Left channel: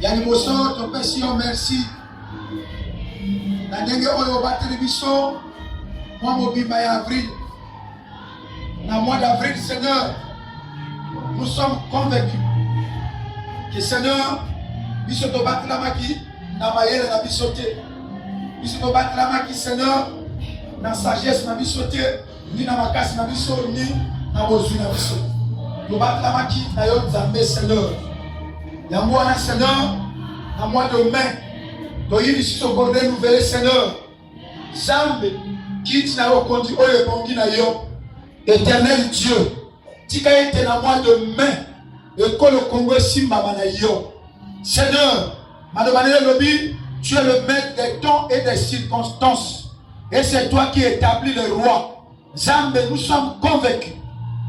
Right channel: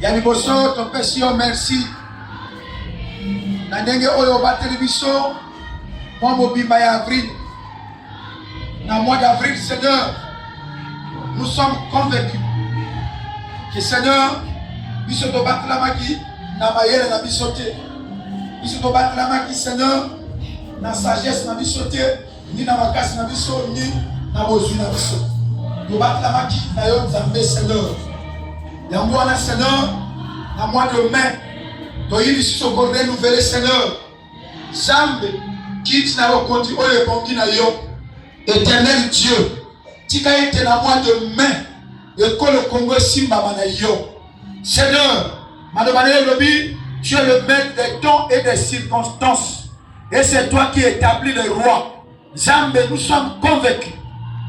Yaliboso, ton père, merci. Nandenge oyo ba télévision, moi mobimba ya avril. Dans le mois d'avril, Seigneur, nous sommes convaincus que Seigneur, nous sommes battus la maki, na mayele na bisote. Nous sommes battus la maki, Seigneur, na sagesse na bisote, ni na makasi na biso, ni na bozui na biso. Nous battons la maki, na yo Nzambe, Seigneur. Ya mwana Seigneur, na mois de mai, to yiri si so bordé nouvelle Seigneur. Jambe, quitte na yo kondi oyo pongi na yo. Éternel Dieu, tika ete na mois de mai, école Congo simba na yo. Seigneur, madame Lobi, tu es le maître des temps et des circonstances. Et c'est toi qui établis le roi. Jambe, nous sommes convaincus.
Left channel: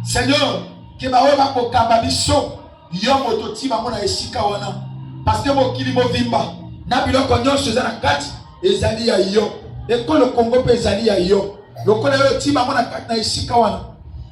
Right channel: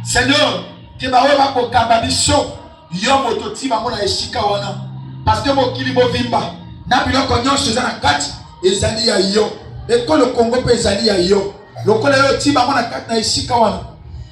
Seigneur, que baoba ko kababiso. Yo mototi bamona esika wana parce que mokili movimba na biloko nyonso za na kati ezali ya yo ekolo Congo pe ezali ya yo lokola yo ti bamona kati na esika wana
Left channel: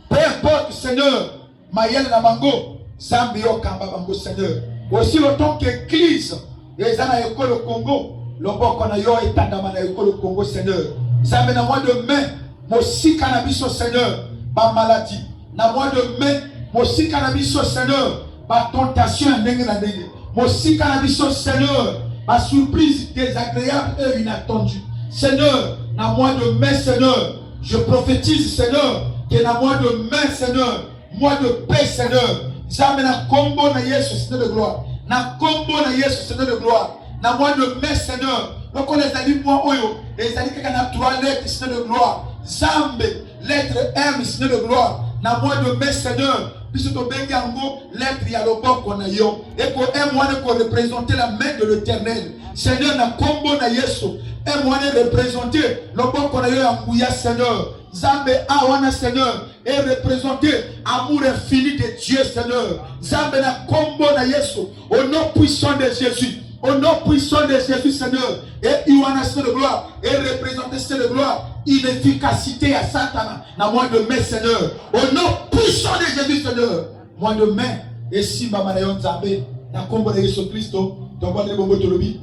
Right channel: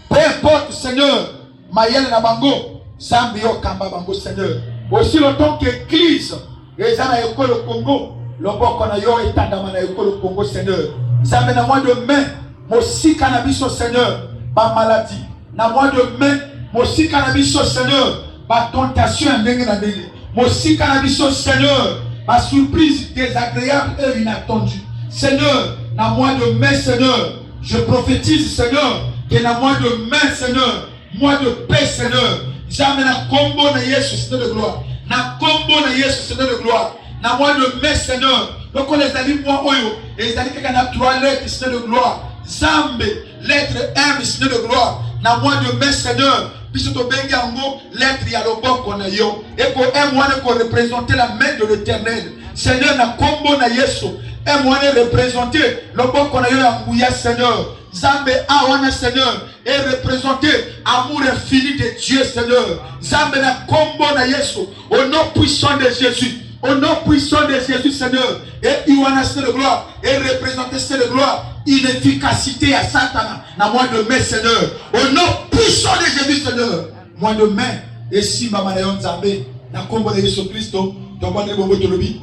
peu importe Seigneur mayele na bango zambi yo kamba bango Seigneur aussi longtemps que église ezana ekolo Congo loboko na yo etandama na ekolo Congo Seigneur zambe na mois de mai mosika na biso Seigneur ba maladie na mois de mai mosika na biso Seigneur ma tentation est dingue. Mon si cannabis, Seigneur, ma surprise désagréable et inattendue. Seigneur, dans le mois de mai, Seigneur, je prophétise, Seigneur, que dans le mois de mai, Seigneur, mois de paix, Seigneur, jamais na combo na Yesu, Seigneur de gloire. Na combo na Yesu, Seigneur de gloire. Dans le mois de mai, Seigneur, donc on les a dit, moi, oyo, et les a dit qu'il y a 3 lettres, Seigneur de gloire. Zambe, lettre M, Seigneur de gloire. Dans le mois de mai, Seigneur, puisque tu bengi en mot, l'être yalobo qu'on a yo. Et pour un mois qu'on représenter la main de l'éternel. Seigneur, na combo na yesu. Un mois représenter le bon qu'on a yo en mouya, Seigneur. Zambe awana, Seigneur. Et représenter amour infini de Dieu, Seigneur. Zambe na combo na yesu. Au nom puissant de Jésus. Au nom puissant de Jésus, Seigneur. Et Iwana, c'est de gloire. Et représenter, c'est de gloire. Inefficacité à Satan. Dans le mois de mai, Seigneur. Au nom puissant de Jésus, Seigneur. Mois de mai. Et si ma manayon Zambé. Dans le combo de Jésus Christ. Donc, on va dire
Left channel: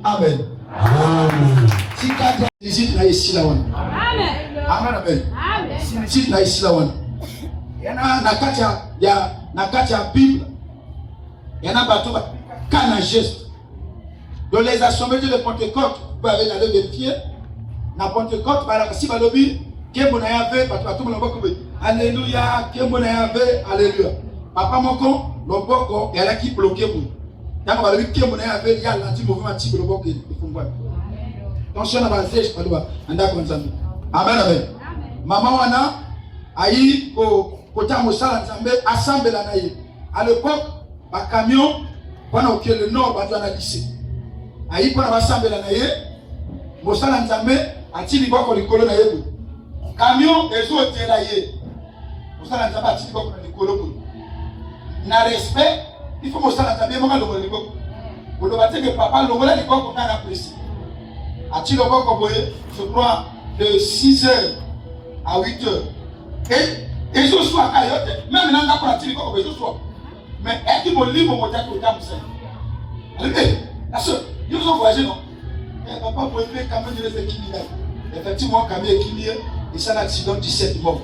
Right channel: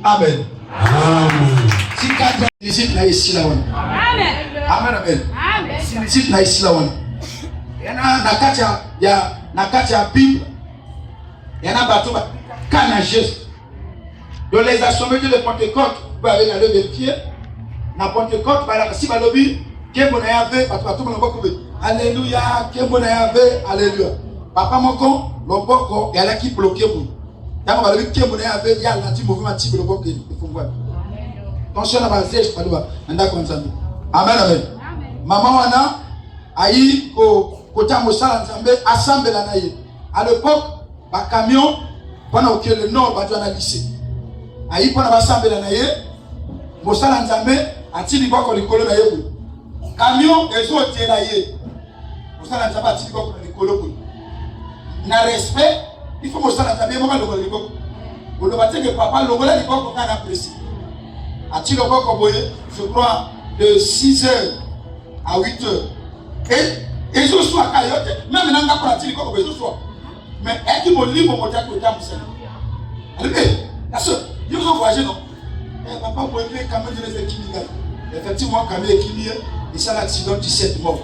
Amen. Amen. Si quatre visite là ici là. Amen. Amen. Amen. Si visite là ici là. Il y en a Nakatia. Il y a Nakatia Bible. Il y en a bateau. Kana geste. Dans les assemblées de Pentecôte, vous avez la levée de pied. Dans Pentecôte, si vous avez alléluia, alléluia. Papa Moko, le boko, il y a qui bloqué vous. Quand vous avez dit que vous avez, il y a l'anti-mouvement type de boko. Attention à la zèche, pas de bas. Amen, amen. Maman Wana, aïe, côté Moussa, assemblée la naïe. À l'époque, un camion, pendant que le nord va dans la lycée. Aïe pour la assemblée la naïe, Moussa Nzambe, a-t-il pas qu'on l'école naïe. Camion, les autres étaient naïe. Moussa Nzambe a-t-il pas qu'on l'école. Na respect, il faut Moussa Nzambe, moi, le l'école. Vous le battez que papa, le voilà l'école qu'on a apprécié. A-t-il pas qu'on voyait, je crois, de 6h à 8h. Et je suis à Kayote, même maintenant, on a dit qu'on je sois. Mais est-ce que mon livre m'a dit que tu as Moussa? Allez, la soeur. Ils ont voyagé, non? Papa, pour élever quand même, je les ai équilibrés. Effectivement, quand même équilibré, et ça, l'accident 17 morts.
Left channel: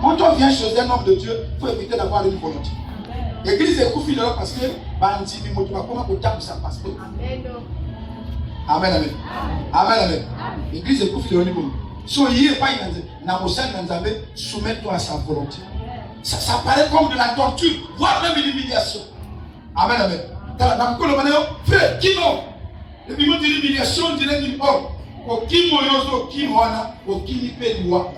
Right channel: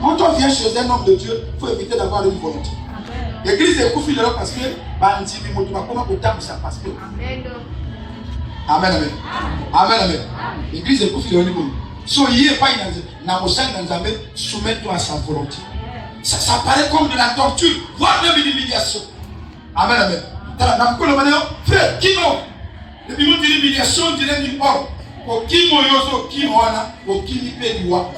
Quand on vient chez un homme de Dieu, il faut éviter d'avoir une volonté. L'église est coupée de l'autre parce que, bandit, mais comment on tape ça parce que. Amen, amen. Amen, amen. L'église est coupée de l'autre. Soyez pas soumettre-toi à sa volonté. Ça paraît comme de la torture, voire même une humiliation. Amen, amen. Frère, Kimo, le bimon de l'humiliation, dirait du or. Au Kimo Yoso, Kimo Ana, au Kimi Pédiwa.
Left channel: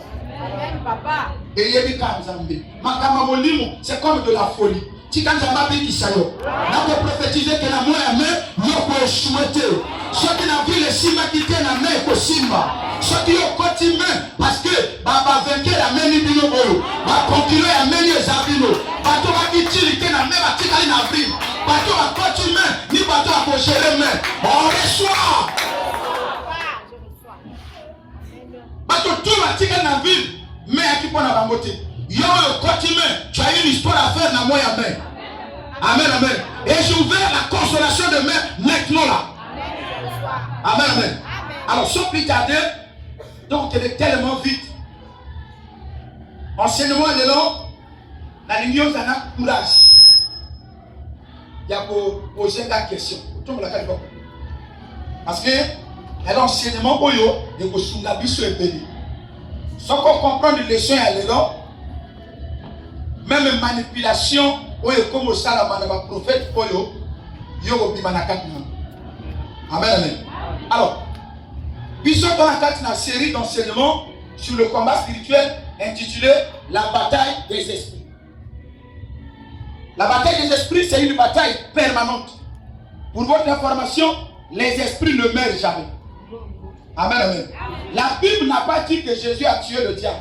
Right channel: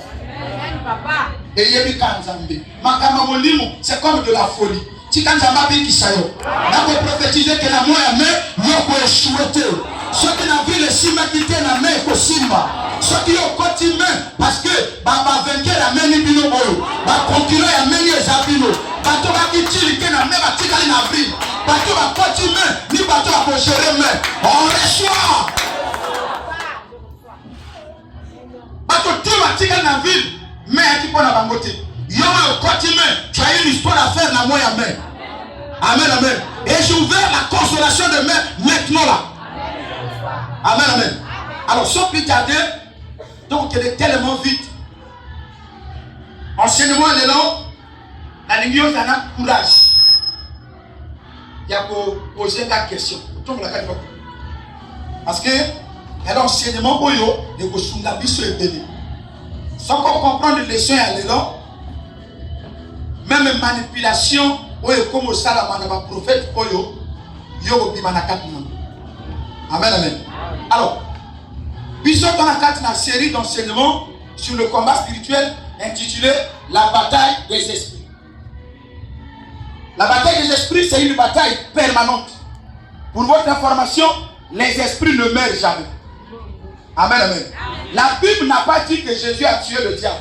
Et Yemi Kanzambe. Makama Molimo, c'est comme de la folie. Si Kanzamba qui sayo, là vous prophétisez que la mort est mère, vous pouvez souhaiter. Ceux qui n'ont vu le Sima qui tiennent la main au Simba. Ceux qui ont continué, parce que Baba vainqueur la main ni Bino Boyo, Baba concurrent la main ni Zabino, Bato qui tire qui n'a même pas tiré en avril. Bateau va continuer, ni bateau va gérer, mais on reçoit. côté. Yo, tu as une histoire à faire dans moi, amen. Amen, amen. Et j'ai ouvert la consolation de main maintenant là. Amen, amen. Alors, sans plus tarder, donc il est tellement vite. Enseignement, il est là. La ligne, on a courage. Il y a pour poser la question. Parce que l'enseignement, il y a pour la vie sur le béni. Sans qu'on comprenne les leçons, elle est là. Même manipulation, comme ça, la prophète, il y a amen, amen. Alors, puis on a une série d'enseignements sur le combat spirituel intitulé La bataille des esprits. La bataille des esprits, c'est une bataille permanente. Pour votre information, les esprits ne meurent jamais. Amen, amen. La Bible n'a pas dit que Jésus a tué le diable.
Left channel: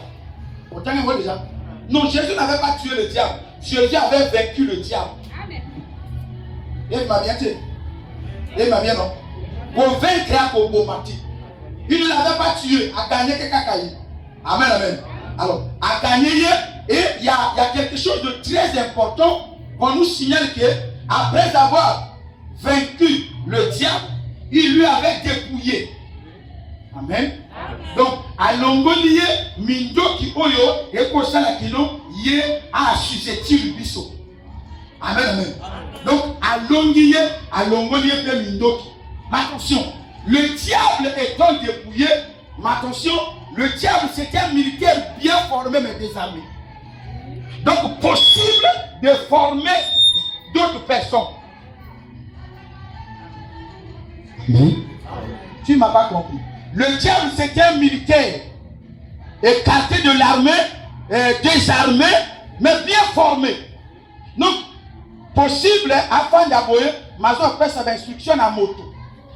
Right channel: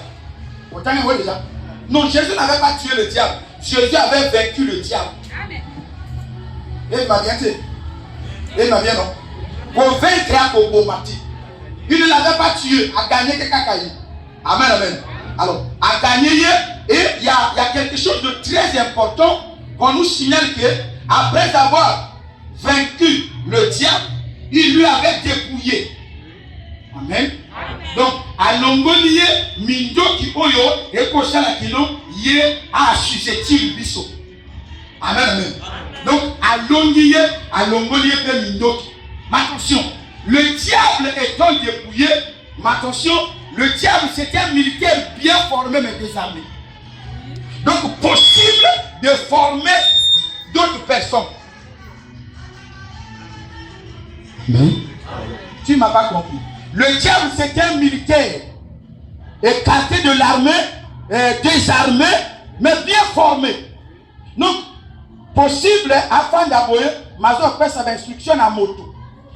Autant vous voyez déjà. Non, Jésus n'avait pas tué le diable. Jésus avait vaincu le diable. Amen. Il m'a bien dit. Il m'a bien non. Pour vaincre au combattre. Il ne l'avait pas tué, a gagné quelqu'un. Amen, amen. Alors, a gagné, et il y a quelque chose de très important qu'on nous signale que, après avoir vaincu le diable, il lui avait dépouillé. Amen. Donc, à l'ongolier, mindo qui oyo, et kosala kino, yé a susceptible biso. Amen, amen. Donc, à l'ongolier, pe mindo qui. Mais attention, le diable étant dépouillé, mais attention, le diable c'était un militaire bien formé mais désarmé. Donc, possible de former d'autres personnes. Oui. Tu ne m'as pas compris. Le diable, c'est un militaire écarté de l'armée, désarmé, mais bien formé. Donc, possible, afin d'abouer, Mazo fait sa instruction à moto.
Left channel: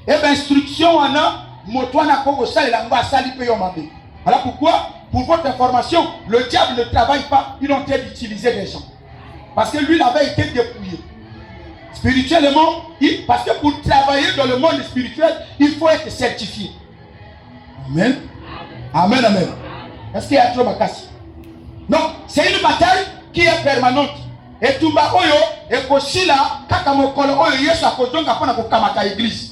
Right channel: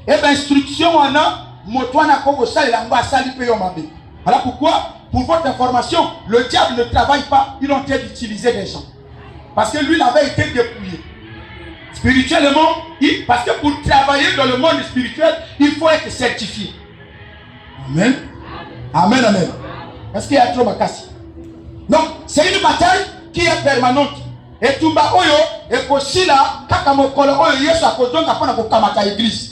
Et bien, instruction, on a, moto, on a comme ça, il a un sali payomabé. Voilà pourquoi, pour votre information, le diable ne travaille pas, il est en train d'utiliser des gens. Parce que lui, il avait été dépouillé. Spirituellement, parce que pour travailler dans le monde spirituel, il faut être certifié. Amen. Amen, amen. Est-ce qu'il y a trop bakasi? Donc, c'est une bataille qui est permanente. Et Tumba Oyo, et Kosila, Kakamokolo Oyo, Yesu Akodonga, pour la Kamata Église.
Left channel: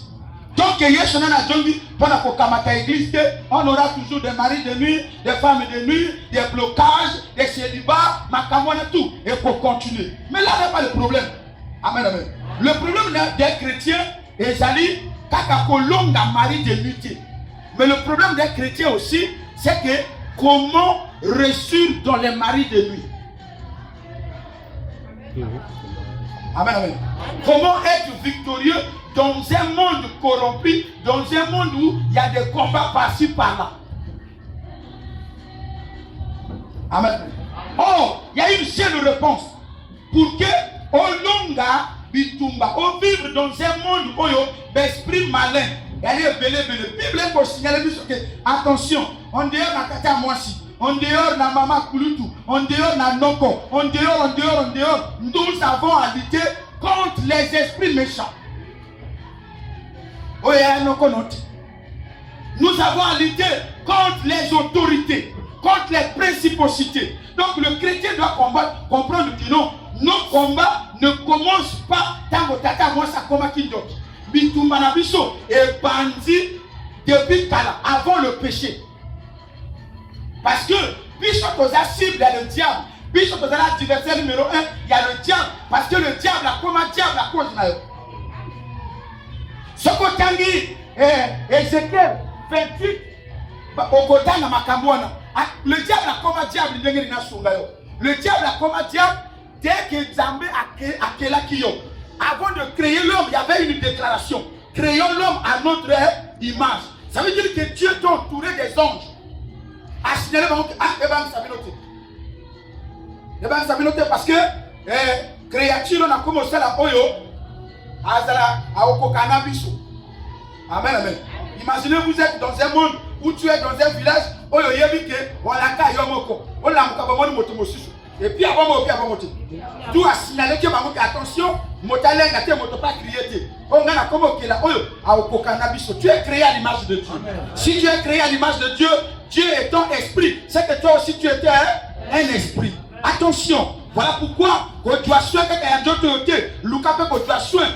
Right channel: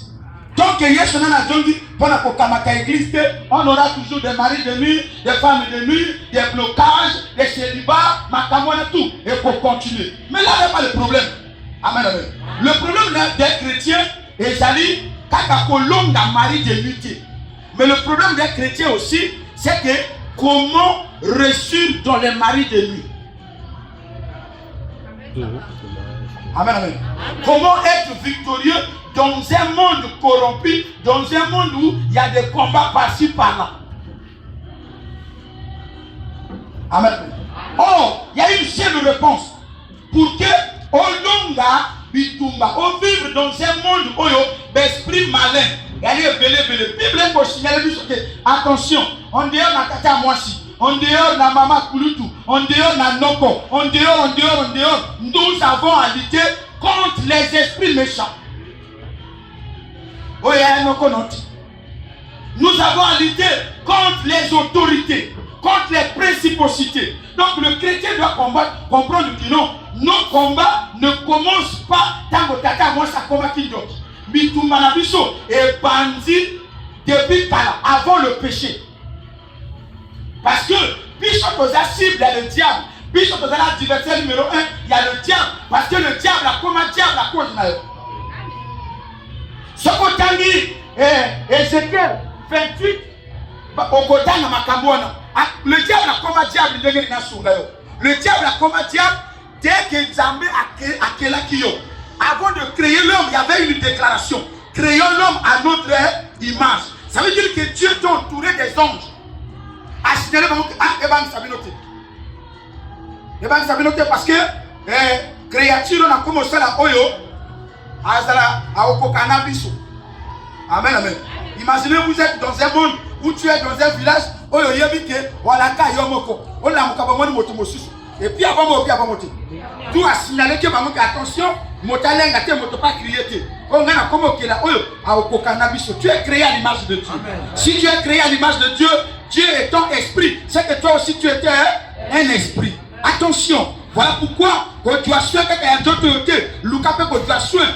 Donc, Yesu Nana Zongi, pour la Kamata Église, on aura toujours des maris de nuit, des femmes de nuit, des blocages, des célibats, Makamona, tout. Et pour continuer. Mais là, il n'y a pas de problème. Amen, amen. Le problème des chrétiens, et j'allais, Kakakolonga, mari de nuit. Mais le problème des chrétiens aussi, c'est que comment réussir dans les maris de nuit. Amen, amen. Comment être victorieux dans un monde corrompu, dans un monde où il y a des combats par-ci, par-là. Amen. Or, il y a une seule réponse. Pour que Olonga Bitumba, on vive dans un monde où l'esprit malin. Bible pour signaler que attention, on dehors na kata mwasi, on dehors na mama kulutu, on dehors na noko, on dehors. Nous avons à lutter contre les esprits méchants. Nous avons à lutter contre les autorités, contre les principautés. Donc le chrétien doit comprendre que non, nos combats ne commencent pas tant que tata moi ça combat qui d'autre. Bitumanabiso est bandit depuis Kala, avant le péché. Parce que Bishop aux cible, il y a le diable. Bishop aux adversaire numéro 1, il y a le diable. Parce que le diable a comme un diable à cause de ce côté Ézéchiel 28, le diable a comme un diable. Le diable a comme un diable dès que Zambé a quel akio. Avant de créer l'homme, il y avait une déclaration. Créons l'homme à notre image. Ça veut dire que Dieu t'a entouré des anges. Parce que créature a commencé à oyo à Okokanabiso. Amen, amen. Imaginez vous êtes dans un monde où tu es dans un village oyo yebike walaka yomoko. On l'a mokabamoni motomosusu. Et puis avant tout a signalé que maman attention, motalenga te moto pas crier. On a comme que là tu es créé à l'image de Dieu. Si tu es créé à l'image de Dieu, Dieu est ton esprit. C'est que toi aussi tu étais un esprit. Attention, voilà pourquoi quand tu as soin que tu as soin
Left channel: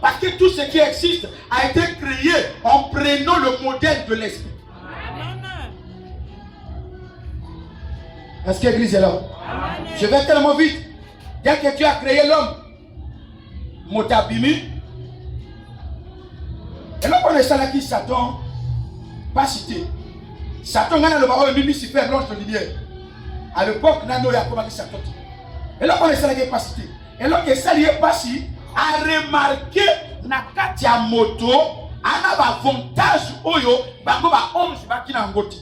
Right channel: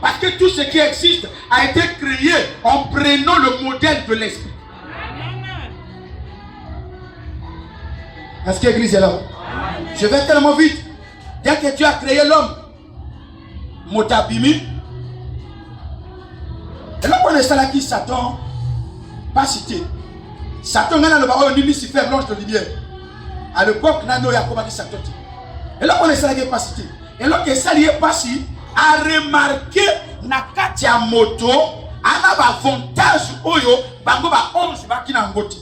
parce que tout ce qui existe a été créé en prenant le modèle de l'esprit. Est-ce que l'église est là? Je vais tellement vite. Dès que Dieu a créé l'homme, Motabimi, et là on est là qui Satan, pas cité. Satan a le baron de Lucifer, l'ange de lumière. À l'époque, Nano Yakoba qui Satan. Et là on est là qui pas cité. Et là que ça n'est pas si a remarqué Nakatia moto, a un avantage oyo, bango ba 11 baki na ngoti.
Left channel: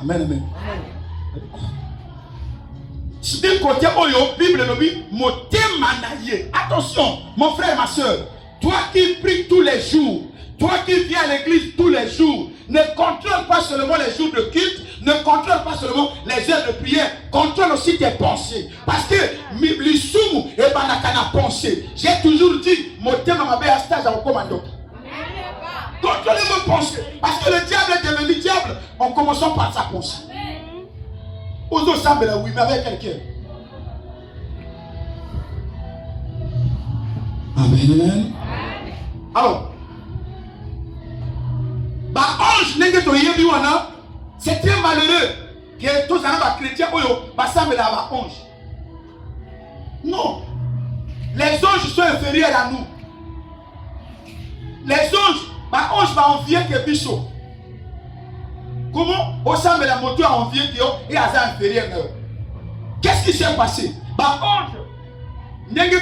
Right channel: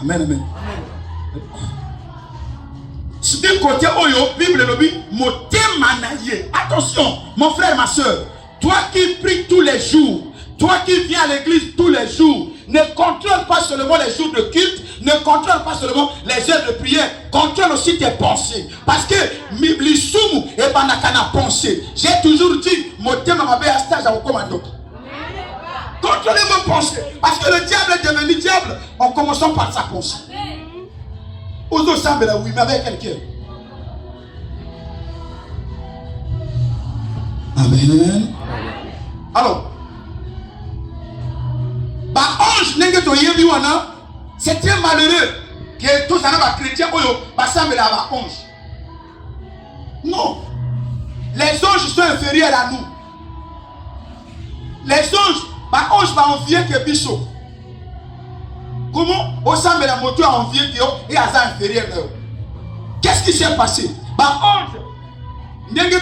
Amen, amen. Si d'un côté oyo, Bible le dit, motema naye. Attention, mon frère, ma soeur, toi qui pries tous les jours, toi qui viens à l'église tous les jours, ne contrôle pas seulement les jours de culte, ne contrôle pas seulement les heures de prière, contrôle aussi tes pensées. Parce que l'isumu et banakana pensée. J'ai toujours dit, motema mabe à stage à commando. Contrôlez vos pensées. Parce que le diable est devenu diable en commençant par sa pensée. Aux autres semblent là, oui, mais avec quelqu'un. Amen. Alors, c'est très malheureux que tous les chrétiens semblent là, ange. Non. Les anges sont inférieurs à nous. Les anges, ange va envier que Bishop. Comment au sein de la moto a envié et à ça inférieur. Qu'est-ce qui s'est passé? Ange. N'est-ce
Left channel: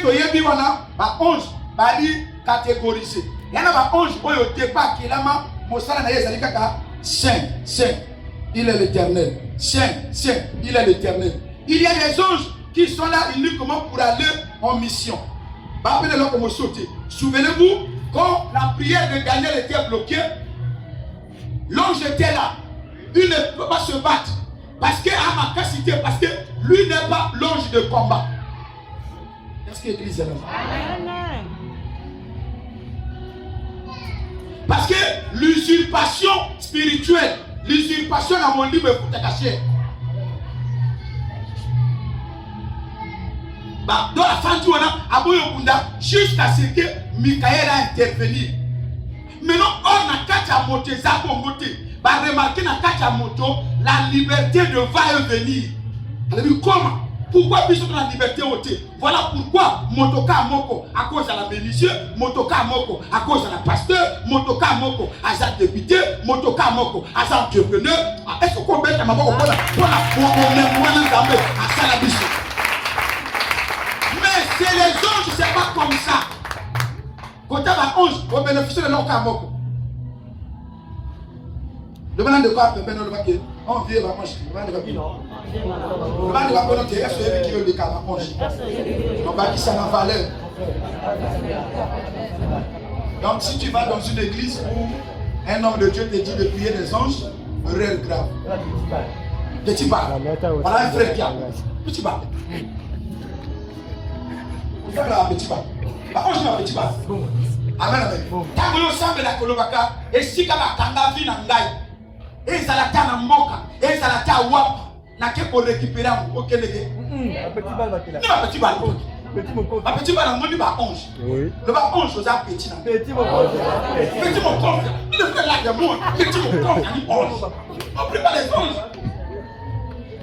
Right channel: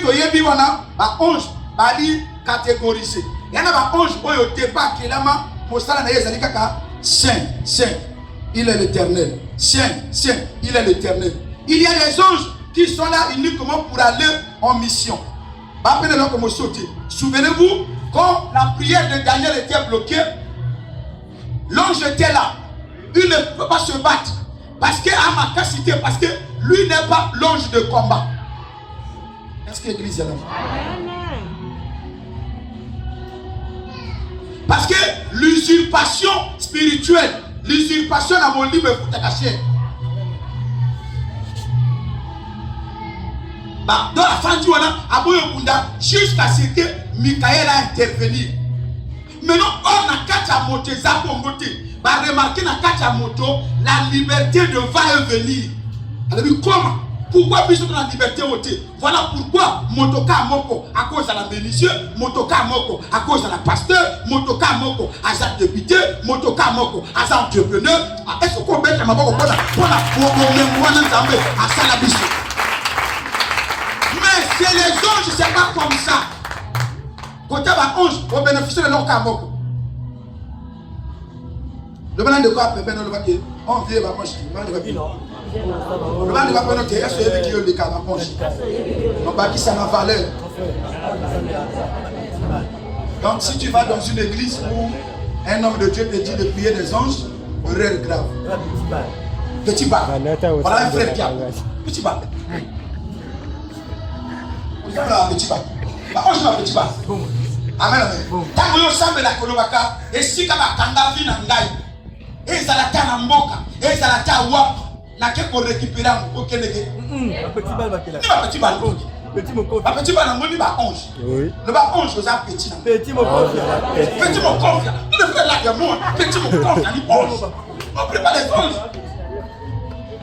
pas ange va dire catégorisé. Il y a un ange au départ qui est là, Saint, Saint, il est l'éternel. Saint, Saint, il est l'éternel. Il y a les anges qui sont là uniquement pour aller en mission. Souvenez-vous, quand la prière de Daniel était bloquée, l'ange était là. Il ne peut pas se battre. Parce que à ma capacité, parce que lui n'est pas l'ange de combat. Est-ce que l'église est là? Parce que l'usurpation spirituelle, l'usurpation à mon livre pour te cacher. Dans la fin du mois, jusqu'à ce que Michael a intervenu. Maintenant, on a quatre motos, va remarquer dans quatre motos la liberté de va et venir. Elle dit comment? Pourquoi puisque la liberté ôtée? Voilà pourquoi motoka moko à cause de la bénédiction, motoka moko à cause de la pasteur, motoka moko à sa député, motoka moko à sa entrepreneur. Est-ce qu'on met ma moko pour mais c'est les anges, c'est pas comme ça. Quand tu as un ange, on bénéficie de leur moko. Le moment de quoi on vient à manger. Le moment de quoi on vient à manger. On va dire ça la valeur. Donc si tu vas dans une église où un homme de Dieu te dit de prier des anges, erreur grave. Petit bas. Voilà un frère qui a. Petit bas. Voilà petit bas. Ange va petit bas. Amen, amen. Tant que nous sommes la Kolobaka, et si tu as un vie dans la et ça la terre en boca, et ça la terre wap, n'a qu'à récupérer au Kennedy. Petit balle, petit balle. Petit balle, on dit bah 11. Le bas 11, vous avez petit. Petit mon conf, le frère là de moi, petit mon conf, il dit 11. On prépare les 11.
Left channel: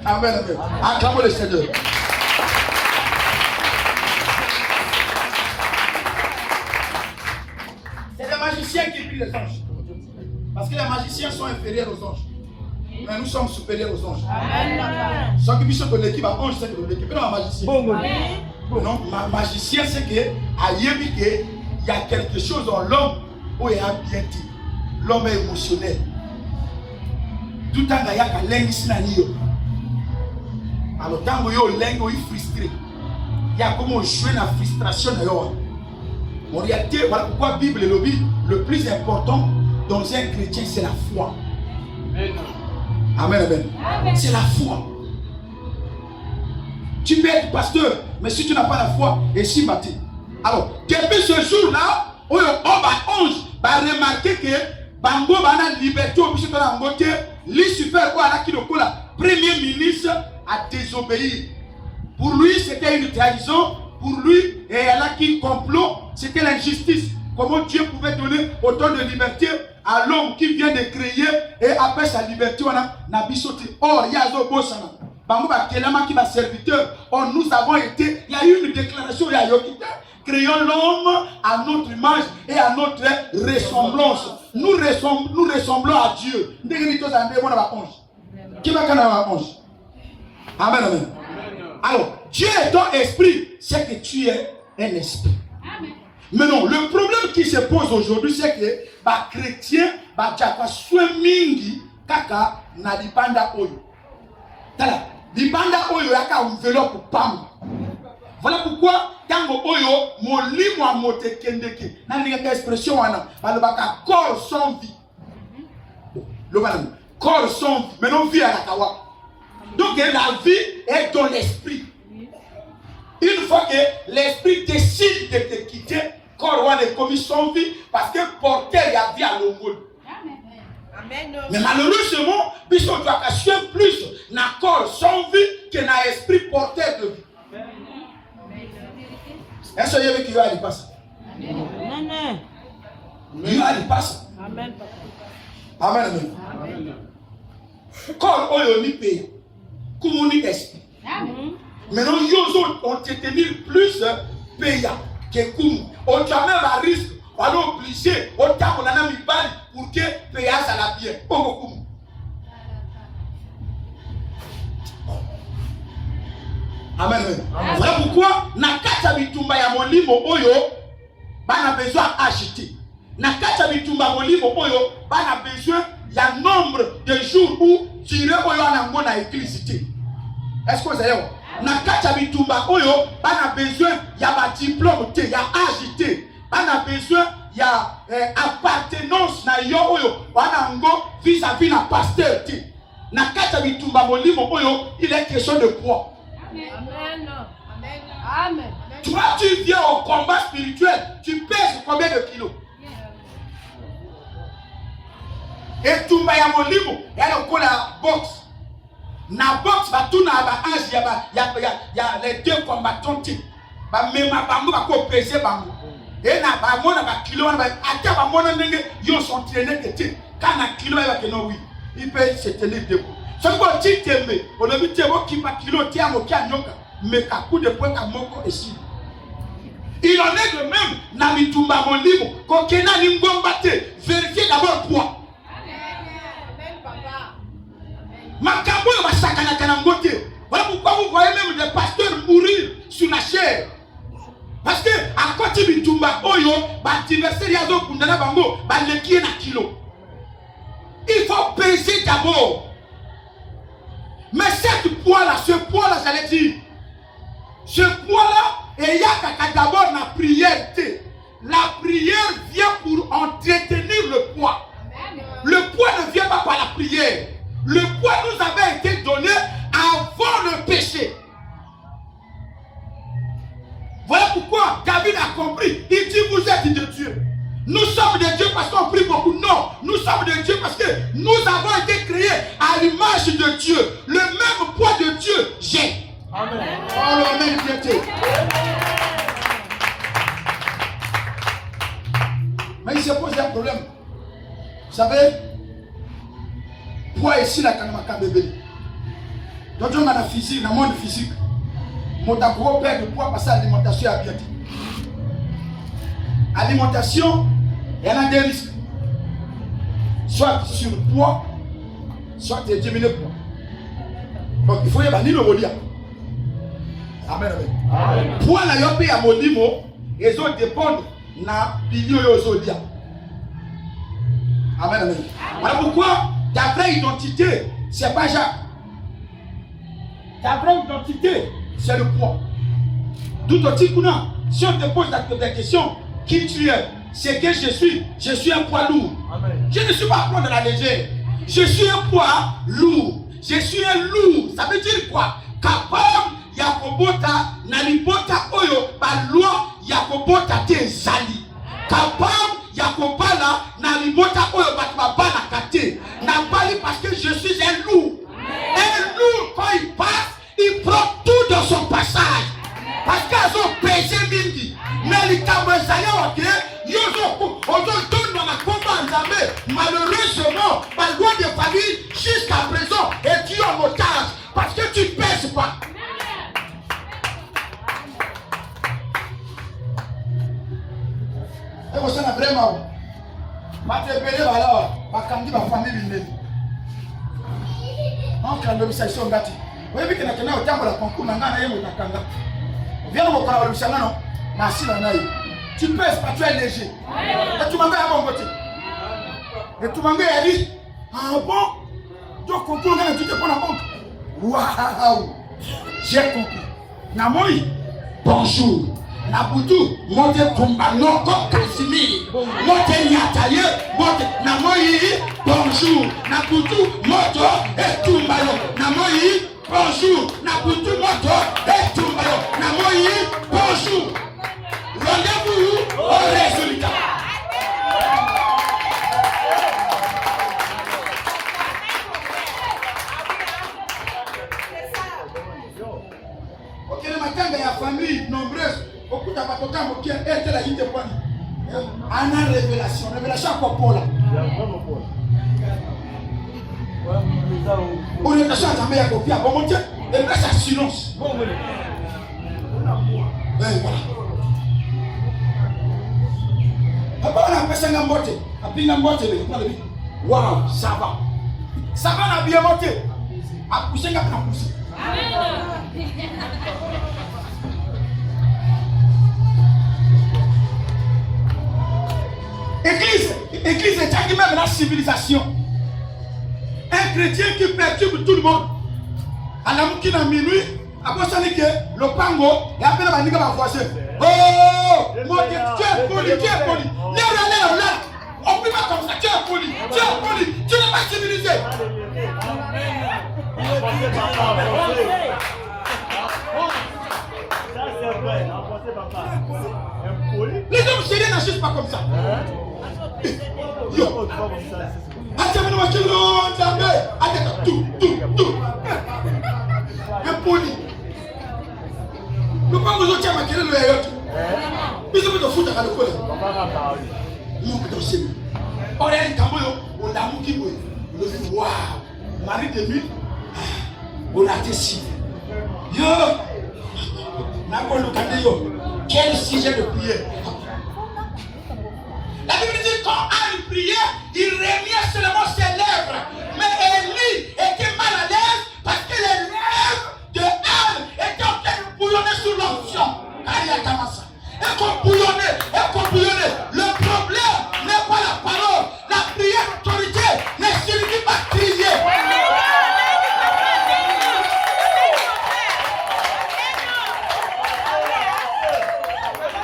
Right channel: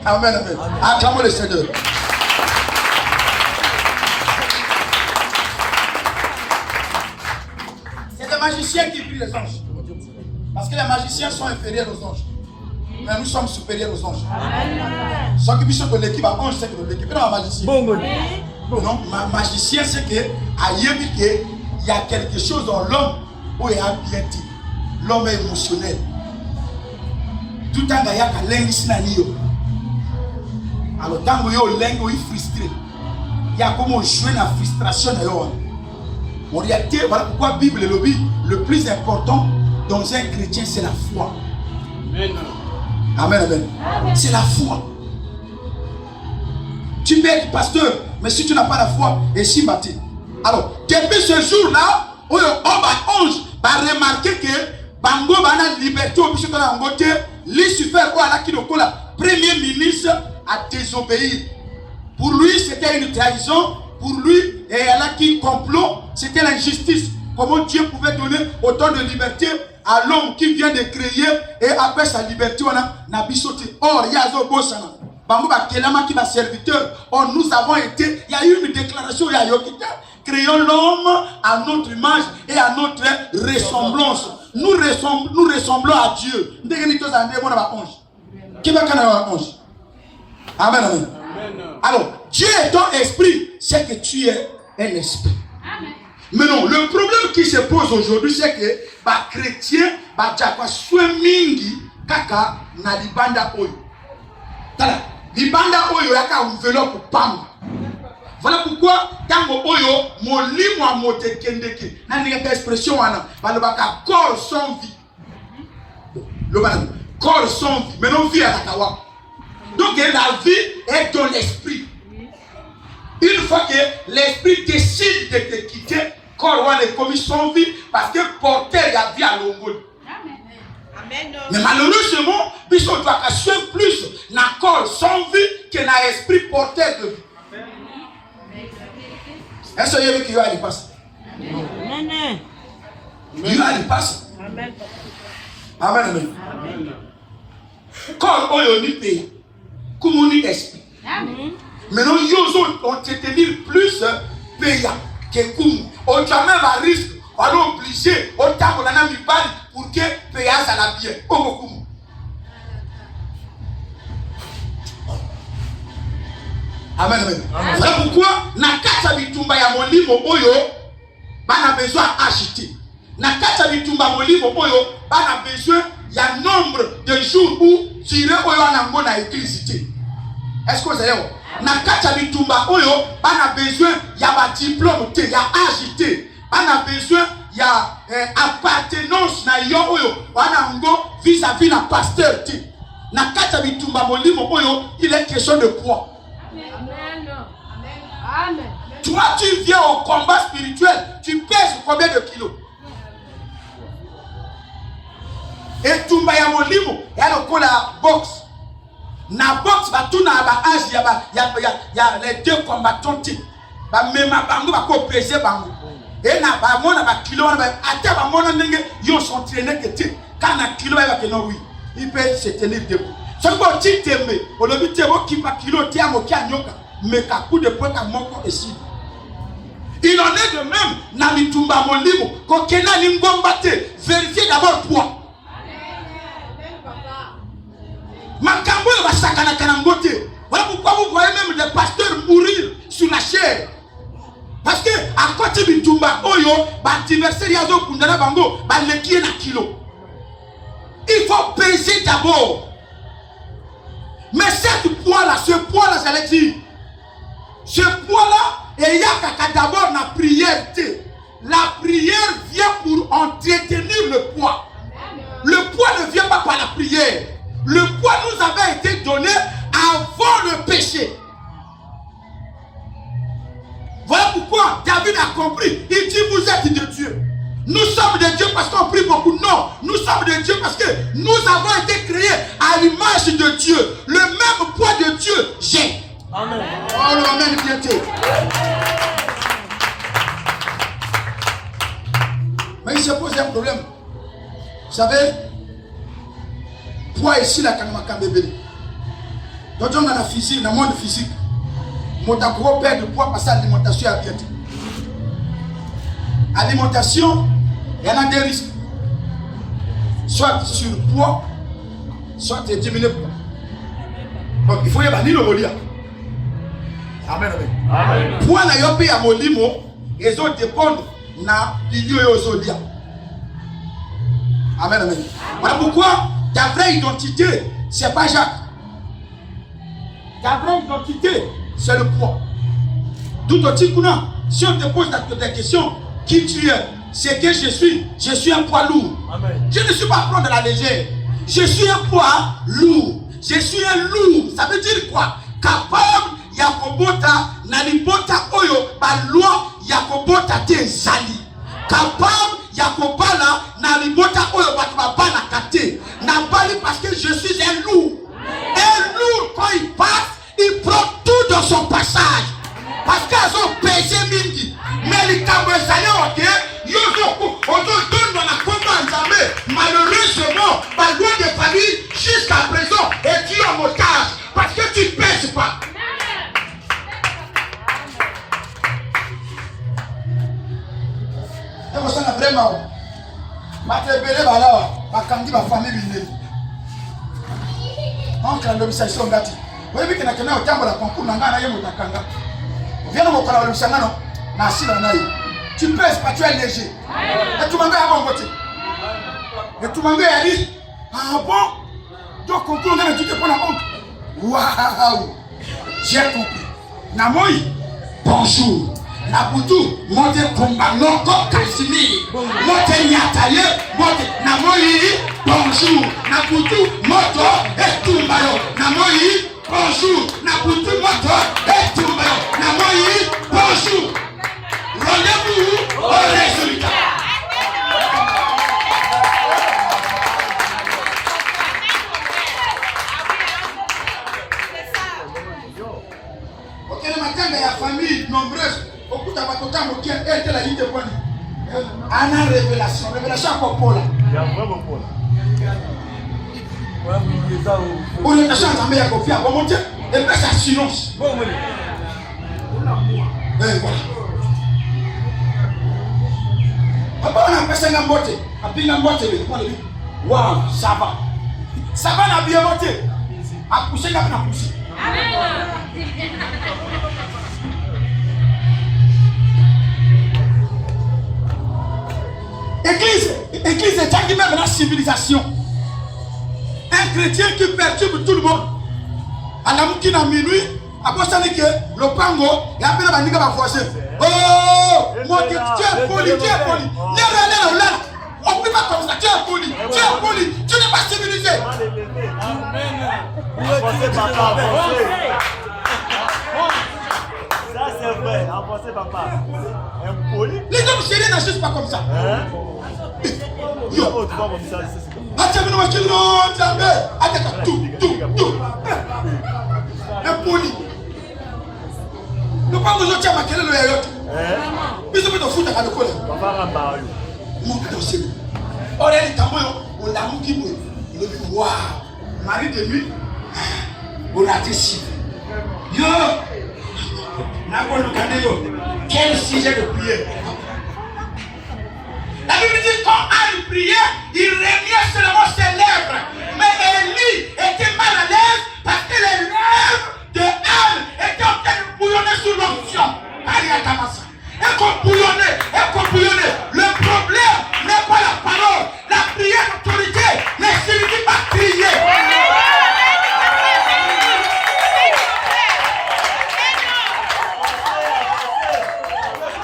Amen, amen. Acclamons le Seigneur. C'est les magiciens qui prient les anges. Parce que les magiciens sont inférieurs aux anges. Mais nous sommes supérieurs aux anges. Sans que Bishop de l'équipe à ange, c'est que l'équipe est un magicien. Non, magicien, c'est que il y a quelque chose dans l'homme où il y a bien dit. L'homme est émotionnel. Tout le temps, il y a un lingue. Alors, tant que il est frustré, il y a comme jouer la frustration. En réalité, voilà pourquoi la Bible le dit, le plus important dans un chrétien, c'est la foi. Amen, amen. C'est la foi. Tu peux être pasteur, mais si tu n'as pas la foi, et si bâti. Alors, depuis ce jour-là, on va remarquer que Bango Bana liberté au bichon de la beauté, Lucifer ou à la Kinokola, Premier ministre a désobéi. Pour lui, c'était une trahison. Pour lui, et là qui complot, c'était l'injustice. Comment Dieu pouvait donner autant de liberté à l'homme qui vient de créer et après sa liberté, on a bisoté. Or, il y a un beau sana. Qui va serviteur. Or, nous avons été, il y a eu une déclaration, il y a Yokita. Créons l'homme à notre image et à notre ressemblance. Nous ressemblons à Dieu. Qui va Amen, amen. Alors, Dieu est ton esprit, c'est que tu es un esprit. Amen. Mais non, le problème qui se pose aujourd'hui, c'est que les chrétiens, mingi kaka na libanda oyo. Tala, libanda oyo yaka enveloppe pamba. Voilà pourquoi quand oyo molimo a moté kendeke, na ni expression wana, balobaka corps sans vie. Le corps sans vie, mais non vie à la kawa. Donc la vie est dans l'esprit. Une fois que l'esprit décide de te quitter, corps est commis sans vie parce que porteur y a vie à l'ombre. Mais malheureusement, puisqu'on doit assurer plus na corps sans vie que na esprit porteur de vie. Est-ce que vous avez qui va y passer? Amen. Il va y passer. Amen. Amen. Corps on y paye. Comme on dit esprit. Maintenant, ils ont tenir plus payant que comme. On jamais va risque, on est obligé, on tape on a mis balle pour que payant ça la bien. Amen. Voilà pourquoi, Nakata bitumba ya molimo oyo, bana besoin d'acheter. Nakata bitumba molimo oyo, bana besoin, il y a nombre de jours où tirer oyo anango na électricité. Est-ce que vous avez Nakata bitumba oyo, bana besoin, il y a ba diplôme, il y a agité. Bana besoin, il y a appartenance na yo oyo, anango vis-à-vis na pasteur. Nakata bitumba molimo oyo, il est question de poids. Amen. Amen. Toi, tu viens au combat spirituel, tu pèses combien de kilos? Et tu m'as molimo, il y a la boxe. Na boxe, tout na ba âge, il y a les deux combattants. Ba mema bango ba ko peser bango. Et na ba mona ba kilo na ba ata ba mona ndenge yo sont entraînés que tu quand na kilo ba que non oui, il peut se tenir debout. Ce que tu t'aimes, on le dit qui va kilo tia mo kia nyoka, mais ka coup de poing ka moko ici. Il en est de même na mitumba molimo, ko kena lingombate, vérifiez d'abord toi. Makambo va sakana kanangote. Voilà pourquoi vous voyez même des pasteurs mourir sur la chair. Parce que à côté du tumba oyo, l'adversaire yazo kundana bango, leki na kilo. Il faut peser d'abord. Mais cette poids-là, ce poids-là, j'allais dire, ce poids-là, il y a d'abord la prière. La prière vient pour entretenir le poids. Le poids ne vient pas par la prière. Le poids nous avait été donné avant le péché. Voilà pourquoi David a compris. Il dit, vous êtes de Dieu. Nous sommes de Dieu parce qu'on prie beaucoup. Non, nous sommes de Dieu parce que nous avons été créés à l'image de Dieu. Le même poids de Dieu, j'ai. Amen. Oh, le même bienté. Mais il se pose un problème. Vous savez, poids ici, la kanamaka bébé. Donc, on a la physique, dans le monde physique. Mon gros père de poids parce que l'alimentation est bien. Alimentation, il y en a des risques. Soit sur le poids, soit de diminuer le poids. Donc il faut y avoir ni le molia. Amen, amen. Poids na yopi ya molimo, ils ont dépendre na bilio yozodia. Amen, amen. Voilà pourquoi ta vraie identité, c'est pas Jacques. Ta vraie identité, c'est le poids. D'où si on te pose des questions, qui tu es, c'est que je suis un poids lourd. Amen. Je ne suis pas à prendre la légère. Je suis un poids lourd. Je suis un lourd. Ça veut dire quoi? Capable, yakobota, nalibota oyo, ba loi, yakobota te zali. Capable, yakobala, nalibota oyo, ba bana kate. Nabali parce que je suis un lourd. Un lourd. malheureusement, ma loi de famille, jusqu'à présent, est tu en otage parce que tu ne pèses pas. Et vous savez vraiment, ma famille, on a l'obsession gâti. Vous voyez que nous avons un concours, nous avons tu pèses pas, tu es léger. Et tout le monde est à bon côté. Et tout le monde est dit, ah bon? Donc, concours, tu te prends la honte. Waouh! J'ai compris. Namoy, bonjour. Nabutu, monte Kumbanoko, Casimir. Monte Nyataye, monte Namoy, bonjour. Nabutu, moto, et Tumbayo. Namoy, bonjour. Nabutu, moto, et Tumbayo. Namoy, bonjour. Rendez-vous au résultat. Ok, le matin, il y a famille nombreuse. Beaucoup de gens qui ont été la ligne de pointe. Anna révélation. Révélation à Popola. Il y a vraiment Popola. Pour les personnes qui ont confié à Bomonté, elle fait sa silence. Voilà. Après, on a fait un botte. Après, on a botte. Waouh, ça va. Ça va, on a bien monté. A poussé, on a poussé. Église est qui même la civilisation. Un chrétien qui perturbe tout le monde. À la mouki à minuit, après ça dit que le pango, et après la maniga va voisin. Oh, moi tu es poli, tu es poli. Là. On ne peut pas comme ça, tu es poli, tu n'es pas civilisé. Ça c'est vrai, avancez papa. Les hommes sérieux n'agissent pas comme ça. Yo, tout. Impoli. Le pas de je tiens ma quelle le héros. Puis je peux te foutre à l'école. Mon dossier. On est on l'a mouki boy. Le waouh. Marie de nuit. On a décidé. Yo. N'a pas le cadeau. Quel sujet de prière. La Bible dit quand Anne priait, il régnait seulement ses lèvres. Mais Élie était mal à l'aise parce que les lèvres de Anne étaient en train de bouillonner sous l'onction. Et qu'on bouillonnait. Le problème n'est pas la parole. La prière d'autorité ne suffit pas à crier.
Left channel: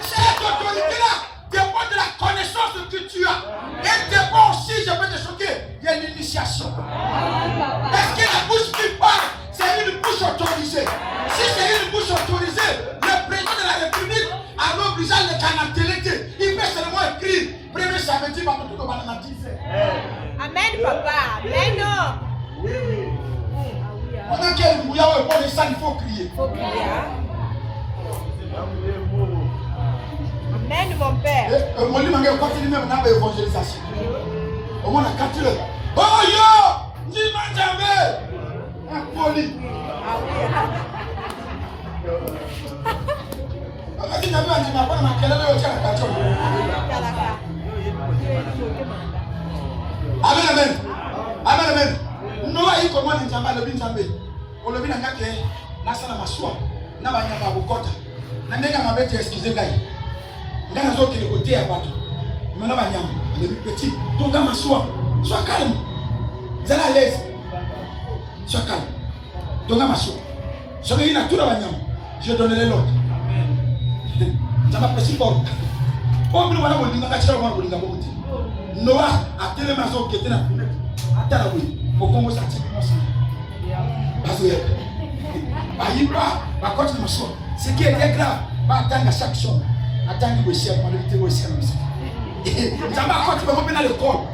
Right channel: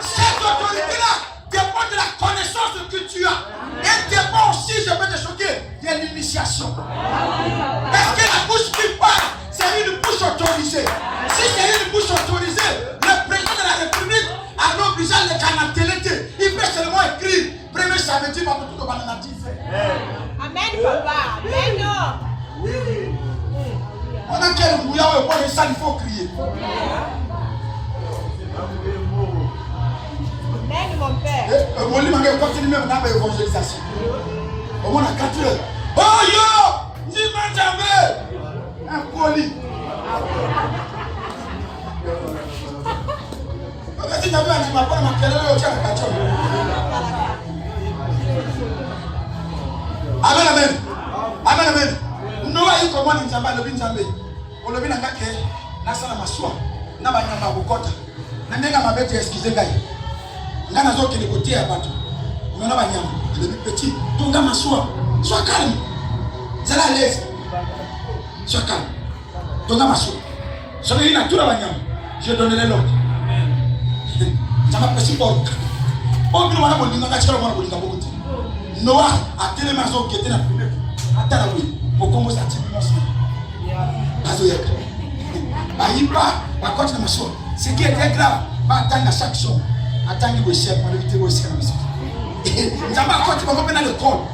Cette autorité-là dépend de la connaissance que tu as. Et dépend aussi, je vais te choquer, de l'initiation. Est-ce que la bouche qui parle, c'est une bouche autorisée? Si c'est une bouche autorisée, le président de la République a l'obligé de canateler. Il peut seulement écrire. Premier samedi, ma tout le monde Amen, papa. Amen. On a quel bouillon et pour les salles, il faut crier. Amen, mon père. Mon livre est continue même dans l'évangélisation. Au moins à 4 heures. Oh yo! Dis-moi jamais! Un poli. Si tu as vu un animal, on a quel heure tu as la 4 heures. Amen. Noah il commande Nzamba le Binzambe. On le vient à Gake, Nasana Maswa, Namana Bokota, Nanga Mabete, excusez moi. Nana Zoki de côté à battre. On a Banyam, le petit, Tonga Maswa, sois calme. Zala à l'aise. Sois calme. Tonga Maswa. Soyez une nature à Banyam. Je donnerai l'autre. Ça va passer pour. Oh, nous allons vous dire que nous allons vous dire. Noah a tellement maison qui était dans la fenêtre. Attends, oui. Pour qu'on se tire dans ce qui était grave, attendre à chaque chose. Attendre que vous pour l'éviter aussi à la maison. Quand tu vas revenir dans le corps.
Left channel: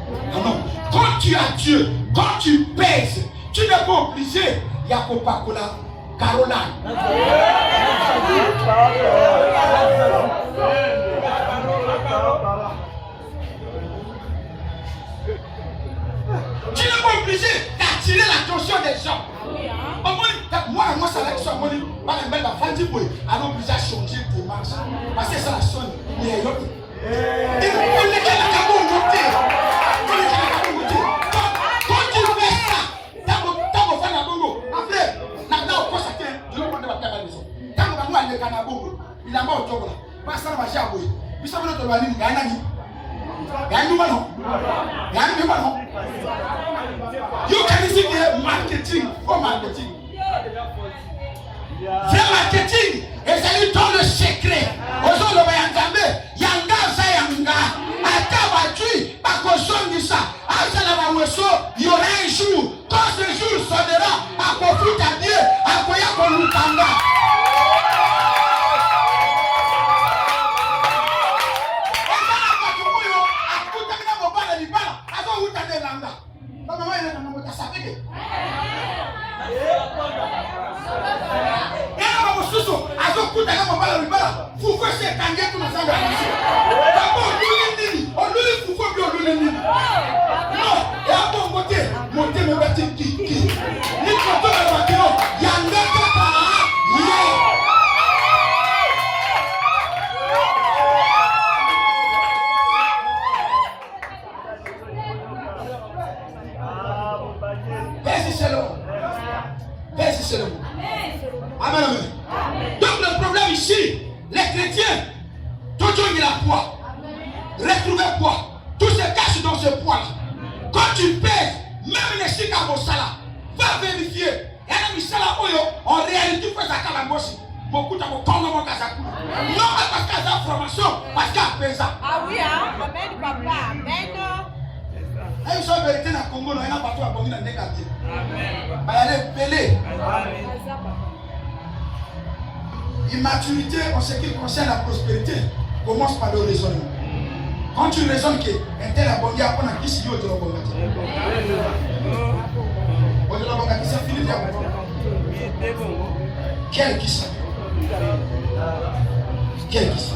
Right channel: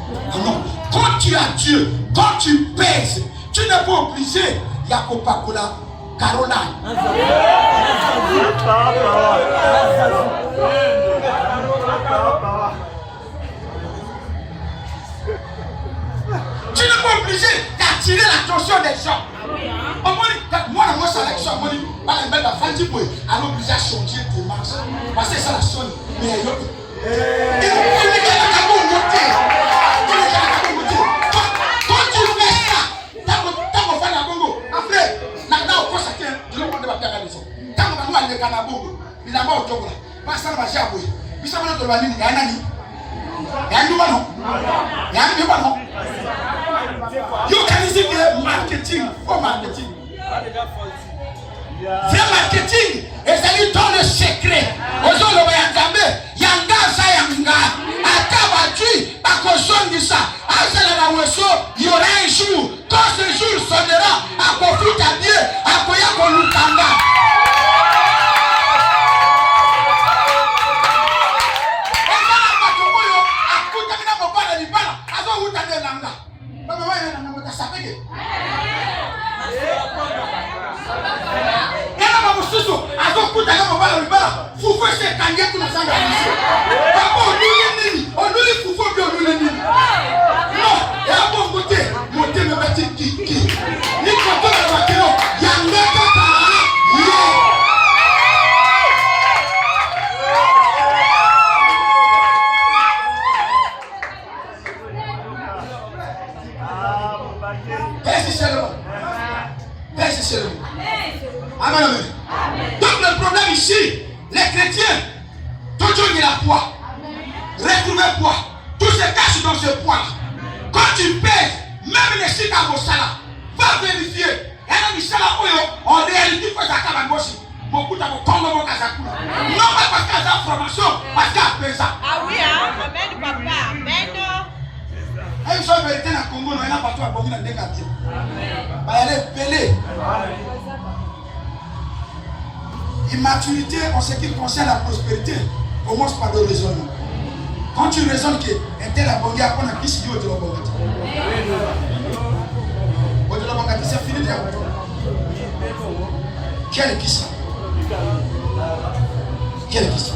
Non. Quand tu as Dieu, quand tu pèses, tu n'es pas obligé. Il y a Coca-Cola, Caroline. Tu n'es pas obligé d'attirer l'attention des gens. Moi, dans mon sélection, moi, je vais faire des choses. Alors, obligé à changer de marche. Parce que ça la sonne. Mais il y a quand tu fais ça, tant qu'on fait la bongo, après, là, on constate, tu ne peux pas faire la maison. Tant qu'on va aller à la bongo, il a mort au Togo. Pas ça, on va jouer. Puis ça, on va te le dire, il y a un ami. Il y a un numéro. Il y a un numéro. You can see the marketing for marketing. Vrai marketing, et c'est dans le secret. Aujourd'hui, on va y entendre. Yanga, ça yanga. Atabatu, Akosongisa. Asalamaweso, il y aura un jour. Quand ce jour sonnera, Akofita Dieu, Akoya Kolukanga. Amen, amen. Donc le problème ici, les chrétiens, tout le monde a poids. Retrouver poids. Tout se cache dans ce poids. Quand tu pèses, même les chiffres à vos salaires, va vérifier. En réalité, il faut que ça casse. Beaucoup de gens comme mon casakou. Non, pas parce qu'il y a une formation, parce qu'il y a pesé. Ah oui, hein? Amen, papa. Amen. Ils sont vérités dans le Congo, il y a pas tout à bon dans le quartier. Il y a des pelés. Immaturité en ce qui concerne la prospérité commence par le raisonnement. Quand tu raisonnes que un tel a bon gars, on a qui s'y dit au bon gars. C'est fini de quel qui ça? Quel qui ça?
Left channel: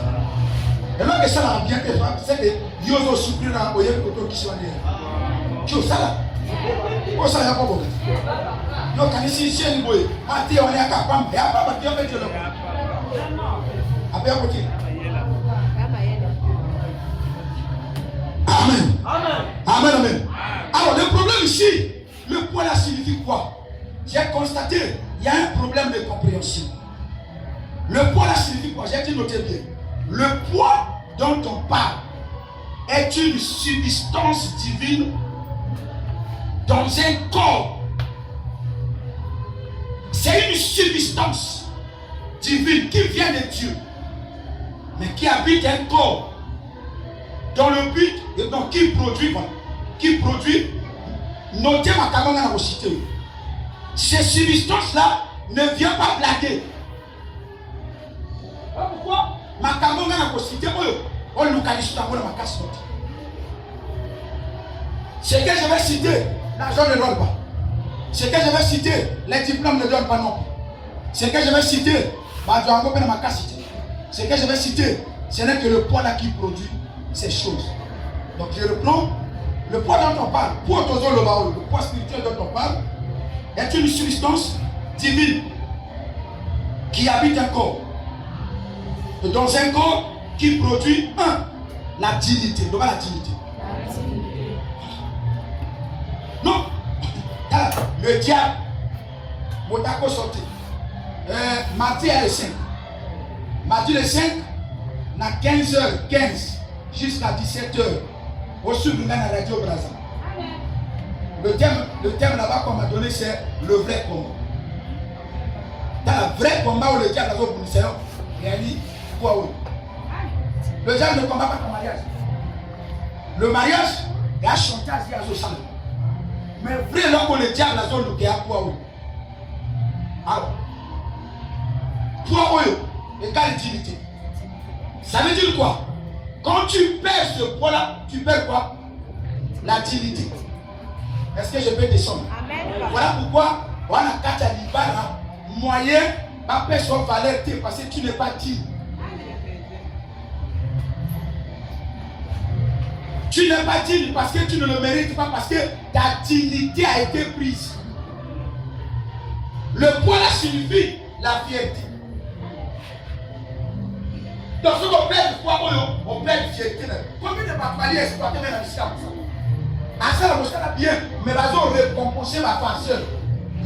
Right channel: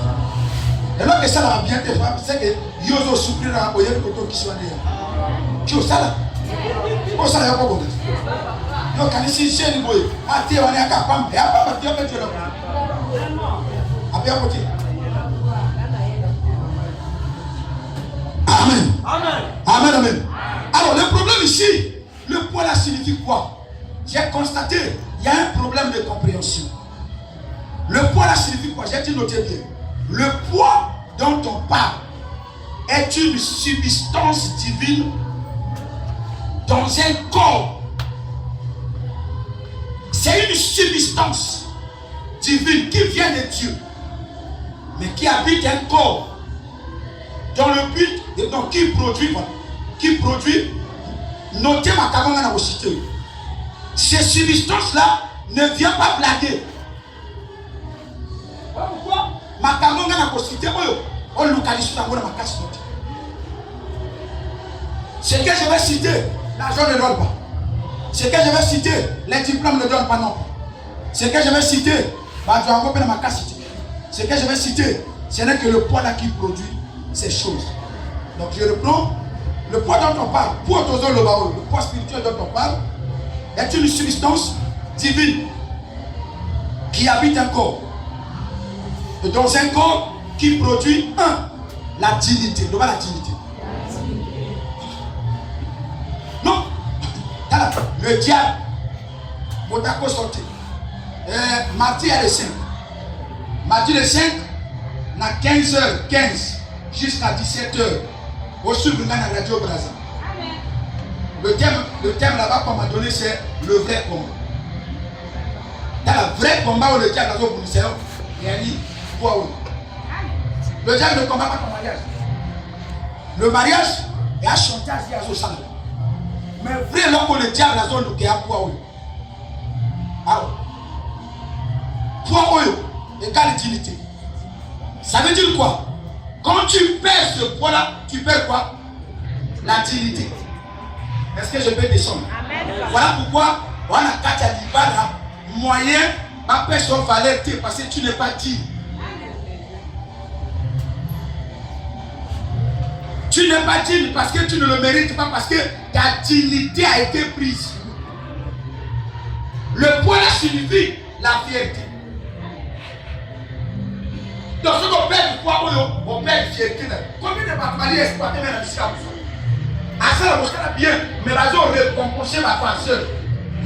Et là que ça va bien te faire, c'est que Yozo souffrir dans la boyenne pour qui soit derrière. Tu as ça là? Oh ça y a pas bon. Yo quand ici c'est une boye. Ah tu es on est à Kapam. Et après tu vas faire le. Après à côté. Amen. Amen. Amen, amen. Alors le problème ici, le poids là signifie quoi? J'ai constaté, il y a un problème de compréhension. Le poids là signifie quoi? J'ai dit notez bien. Le poids dont on parle est une substance divine dans un corps. C'est une substance divine qui vient de Dieu, mais qui habite un corps dans le but et donc qui produit, notez ma caméra dans vos cités. Ces substances-là ne viennent pas blaguer. Voilà pourquoi ma caméra dans vos cités, on localise dans ma casse. Ce que je vais citer, l'argent ne donne pas. Ce que je vais citer, les diplômes ne donnent pas non plus. Ce que je vais citer, ce que je vais citer, ce n'est que le poids là qui produit ces choses. Donc je reprends. Le poids dont on parle, le poids spirituel dont on parle, est une substance divine qui habite un corps. Et dans un corps qui produit la dignité. La dignité. Non. Le diable, mon d'accord sorti. Mardi est le 5. Mardi le 5, à 15h15 jusqu'à 17h, au sud de la radio Brazza. Le thème là-bas qu'on m'a donné, c'est le vrai combat. Dans le vrai combat où le diable a dit, il y a dit, le diable ne combat pas ton mariage. Le mariage, il y a un chantage, il y a un sang. Mais vrai, là où le diable a dit, il y a un poids. Alors, poids égale utilité. Ça veut dire quoi? Quand tu perds ce poids-là, tu perds quoi? La dignité. Est-ce que je peux descendre? Amen. Voilà pourquoi on a 4 libara moyen pas perdre son valeur parce que tu n'es pas digne. Tu n'es pas digne parce que tu ne le mérites pas, parce que ta dignité a été prise. Le poids là signifie la fierté. Donc, ce qu'on perd du poids, on perd de fierté. Combien de bâtiments exploités maintenant ici à vous? À ça, on a bien, mais la zone récompensée ma pensée.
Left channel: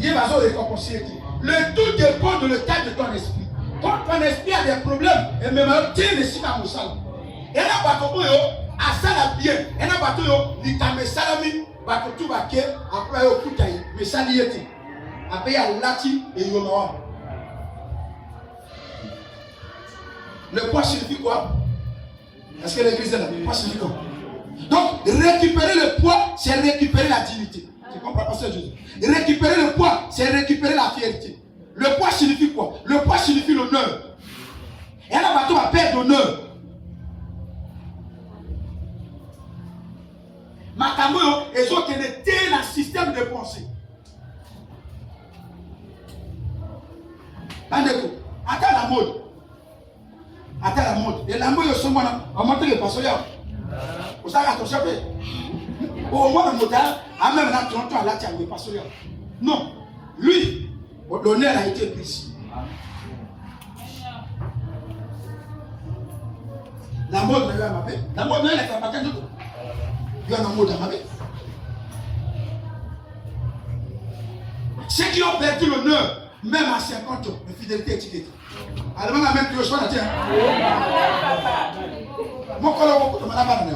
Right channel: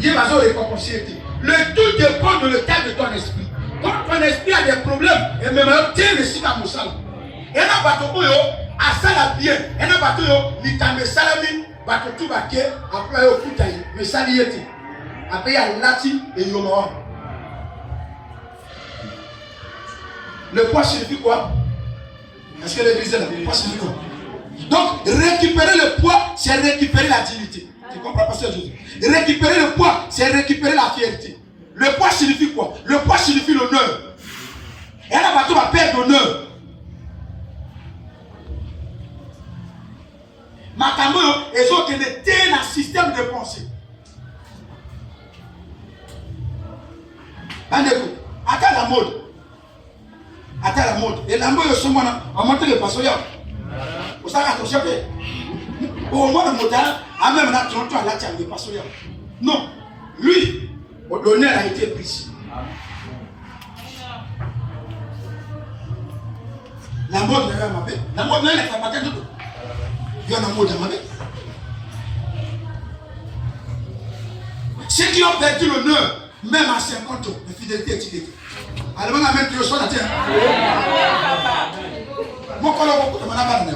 Il y a la zone récompensée. Le tout dépend de l'état de ton esprit. Quand ton esprit a des problèmes, et même tiens le signe à Moussal. Et là, bateau, à ça la bien. Et là, bateau, il t'a mis salami, bateau tout baquet, après au koutaï, mais saliété. Après, il y a lati et yonoa. Le poids signifie quoi? Est-ce que l'église est là? Le poids signifie quoi? Donc, récupérer le poids, c'est récupérer la dignité. Tu comprends, pasteur Jésus? Récupérer le poids, c'est récupérer la fierté. Le poids signifie quoi? Le poids signifie l'honneur. Et là, bateau va perdre l'honneur. Makambo, ils ont été dans un système de pensée. Attends la mode. Attends la mode. Et la mode, ils sont en montant le pasteur. Vous savez, attention, au moins le moteur, à même là, tu entends là, tu as le pasteur. Non, lui, l'honneur a été pris. La mode n'est pas ma paix. La mode n'est pas ma paix. Il y a une mode à ma paix. Ceux qui ont perdu l'honneur, même à 50 ans, la fidélité est illétée. Alors, on a même plus le son à dire. Mon collègue, on m'a pas donné.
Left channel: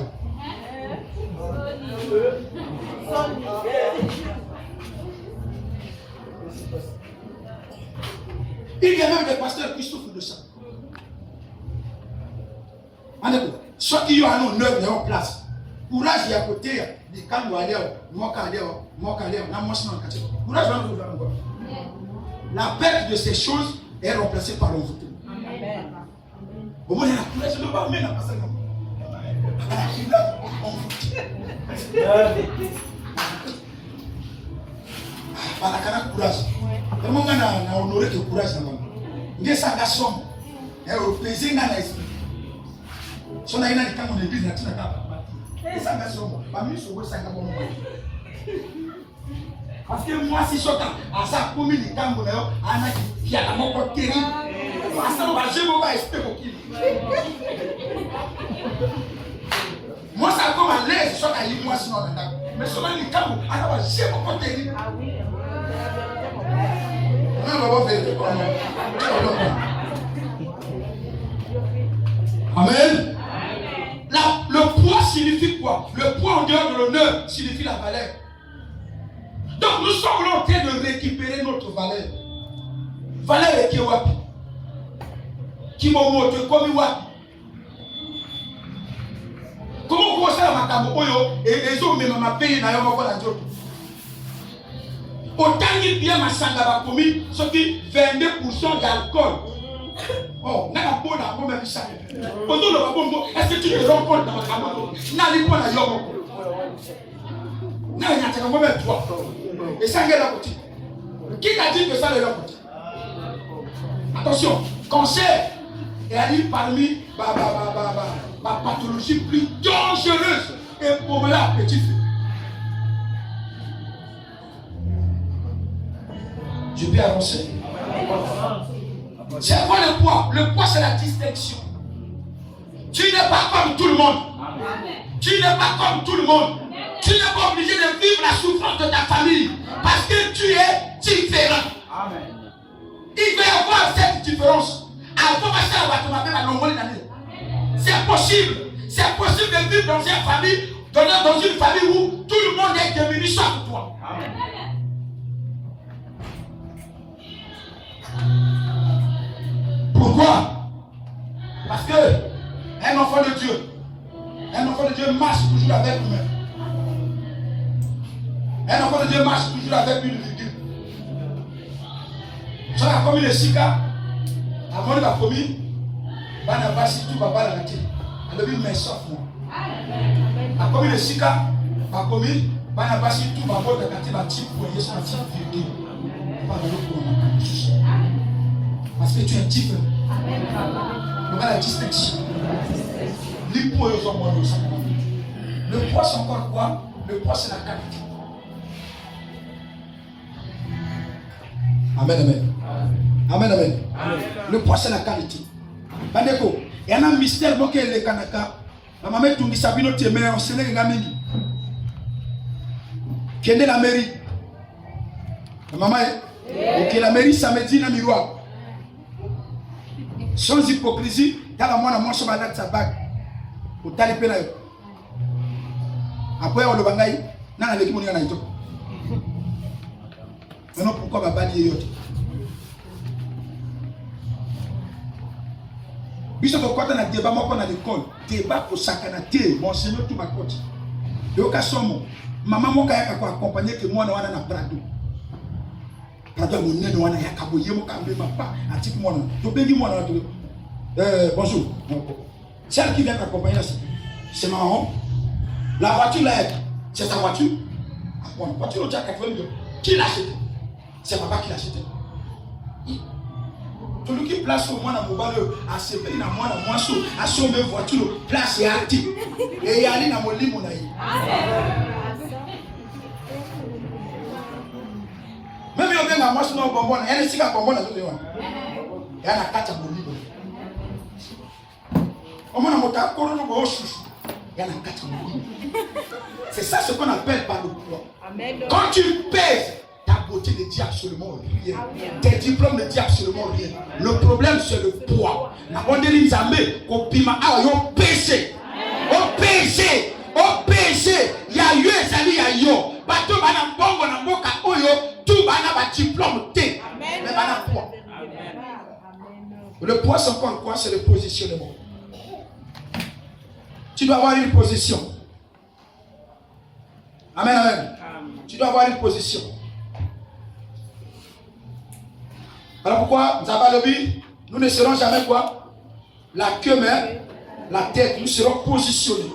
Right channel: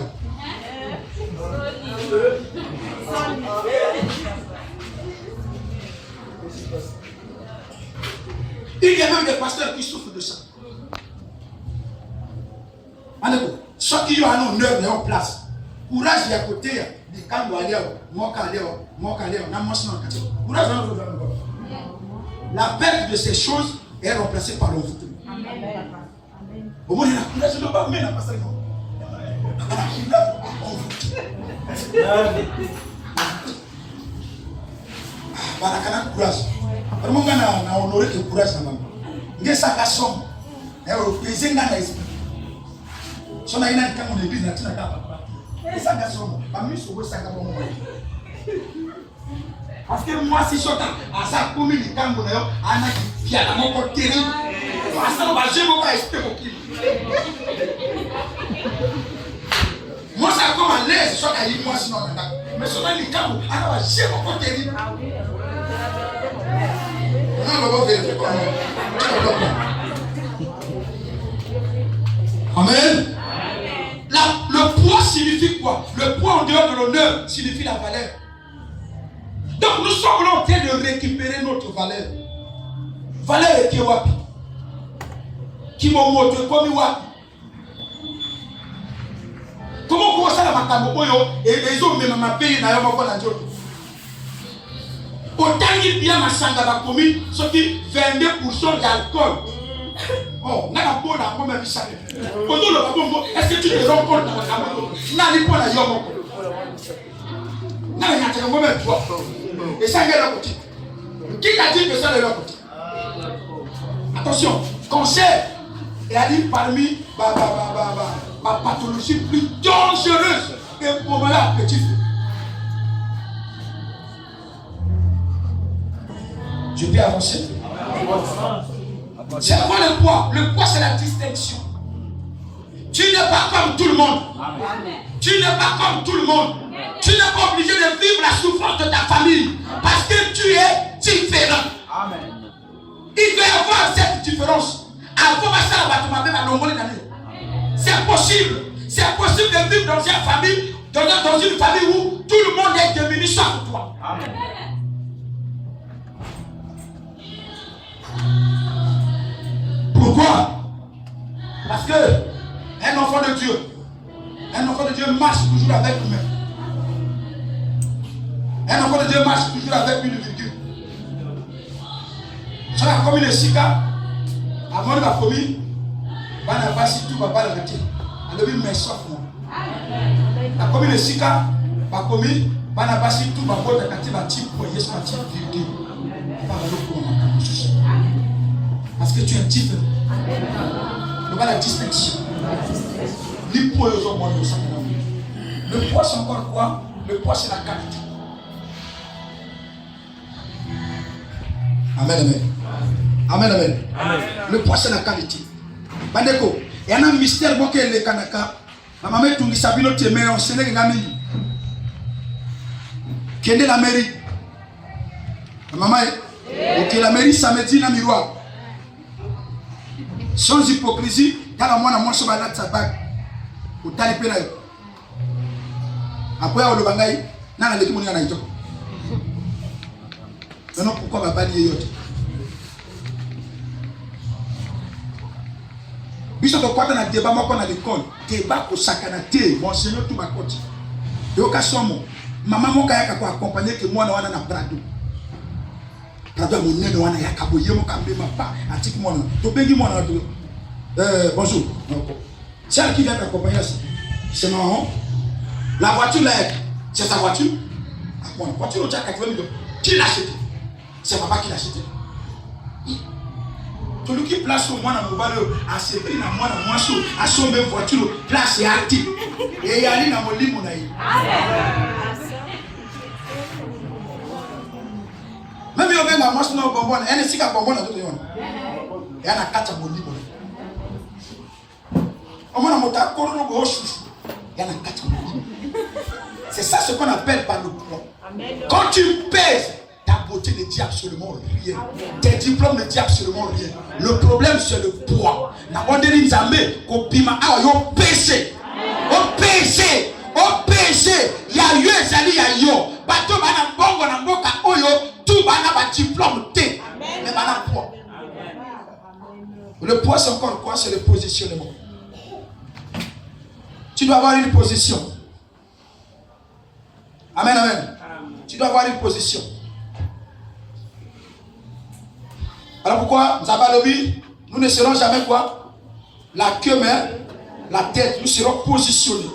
Il y a même des pasteurs qui souffrent de ça. Ceux qui ont un honneur en place. Courage, il y a côté. Quand vous allez, la perte de ces choses est remplacée par l'envoûtement. Au moins, il y a la courage de pas mettre la passer. Barakana courage. Vraiment, on a honoré le courage. Il y a ça, la somme. Elle est pesée dans l'esprit. Si on a une quand on est église, on a et ça, la somme. Parmi ceux qui sont parce que moi, si je suis à sa commune, quand on est à qui a mon côté terrible, parce que je ne vais pas expliquer. Moi, ça comme à l'aise, je suis à l'île, moi, sinon, mais si on a les camps, alors je vais mon côté terrible. Amen. Le poids signifie quoi? Le poids en dehors de l'honneur signifie la valeur. Donc nous sommes en train de récupérer notre valeur. Valeur est qui wapi? Qui m'a montré comme wapi? Comment vous savez ma camoyo et les hommes même ma pays n'a pas la joie. Autant il bien ma sangaba commis, ce qui 22% d'alcool. Oh, n'a pas bon à moi même ça. Est-ce que tu te rends compte dans ma camoyo? N'a pas la yomoko. N'a pas moi même toi. Et ça vient de la côté. Qui t'a dit que ça est de la côté? Attention, cancer est dit parmi ma pathologie plus dangereuse que pour moi que tu fais. Je peux avancer. C'est quoi le poids? Le poids, c'est la distinction. Tu n'es pas comme tout le monde. Tu n'es pas comme tout le monde. Tu n'es pas obligé de vivre la souffrance de ta famille parce que tu es différent. Il doit y avoir cette différence. C'est possible. C'est possible de vivre dans une famille où tout le monde est devenu sauf toi. Pourquoi? Parce que un enfant de Dieu marche toujours avec lui-même. Un enfant de Dieu marche toujours avec une virgule. Sur la commune de Sika, avant la commune, on a passé tout va pas la gâter. On a vu mes sauf moi. La commune de Sika, la commune, on a passé tout va pas la gâter, la type pour y sentir virgule. Parce que tu es différent. On va la distinction. L'hypo est au monde au Sakana. Le poids, c'est encore quoi? Le poids, c'est la qualité. Amen, amen. Amen, amen. Le poids, c'est la qualité. Bandeko, il y a un mystère bon que les Kanaka. Ma maman tout dit Sabino Témé, on sait les gamins. Quelle est la mairie? Ma maman, ok, la mairie, ça me dit dans le miroir. Sans hypocrisie, dans la moine, moi, je suis malade, ça bague. Au talipé là. Après, on le bagaille, non, on est tout le monde en Haïti. Maintenant, pourquoi on va pas dire autre? Biso de quoi dans le débat, moi, qu'on a l'école, débat au sakanaté, mon seigneur, tout ma côté. Et au cas où, maman, moi, quand il y a accompagné que moi, on a un brado. Brado, mon nez, on a un caboyer, mon camé, ma part, un petit moi, tu peux dire, moi, bonjour. Celle qui vient t'accompagner, c'est marrant. La voiture là, c'est sa voiture. Bon, la voiture, tu as 80 millions. Qui l'a acheté? C'est papa qui l'a acheté. Celui qui place au moins dans mon balai, à ce pays, dans moi, à sauver voiture, place et actif. Et il y a une dans mon lit, mon aïe. Même si on vient dans moi, on bonbon, il y a un cigare bonbon dans tout le monde. Il y a un 4 à mon lit. On m'a monté à Corono Gauche. Il y en a 4 à mon lit. C'est ça ce qu'on appelle par le poids. Quand tu pèses, ta beauté ne dit absolument rien. Tes diplômes ne disent absolument rien. Le problème, c'est le poids. La bonne ligne zamé, au pima, au péché. Au péché. Au péché. Il y a eu un sali, il y a eu. Bateau, bana bongo, na boka, oyo, tout bana ba diplôme T. Mais bana poids. Le poids, c'est encore quoi? C'est le positionnement. Tu dois avoir une position. Amen, amen. Tu dois avoir une position. Alors pourquoi nous ne serons jamais quoi? La queue, mais la tête. Nous serons positionnés.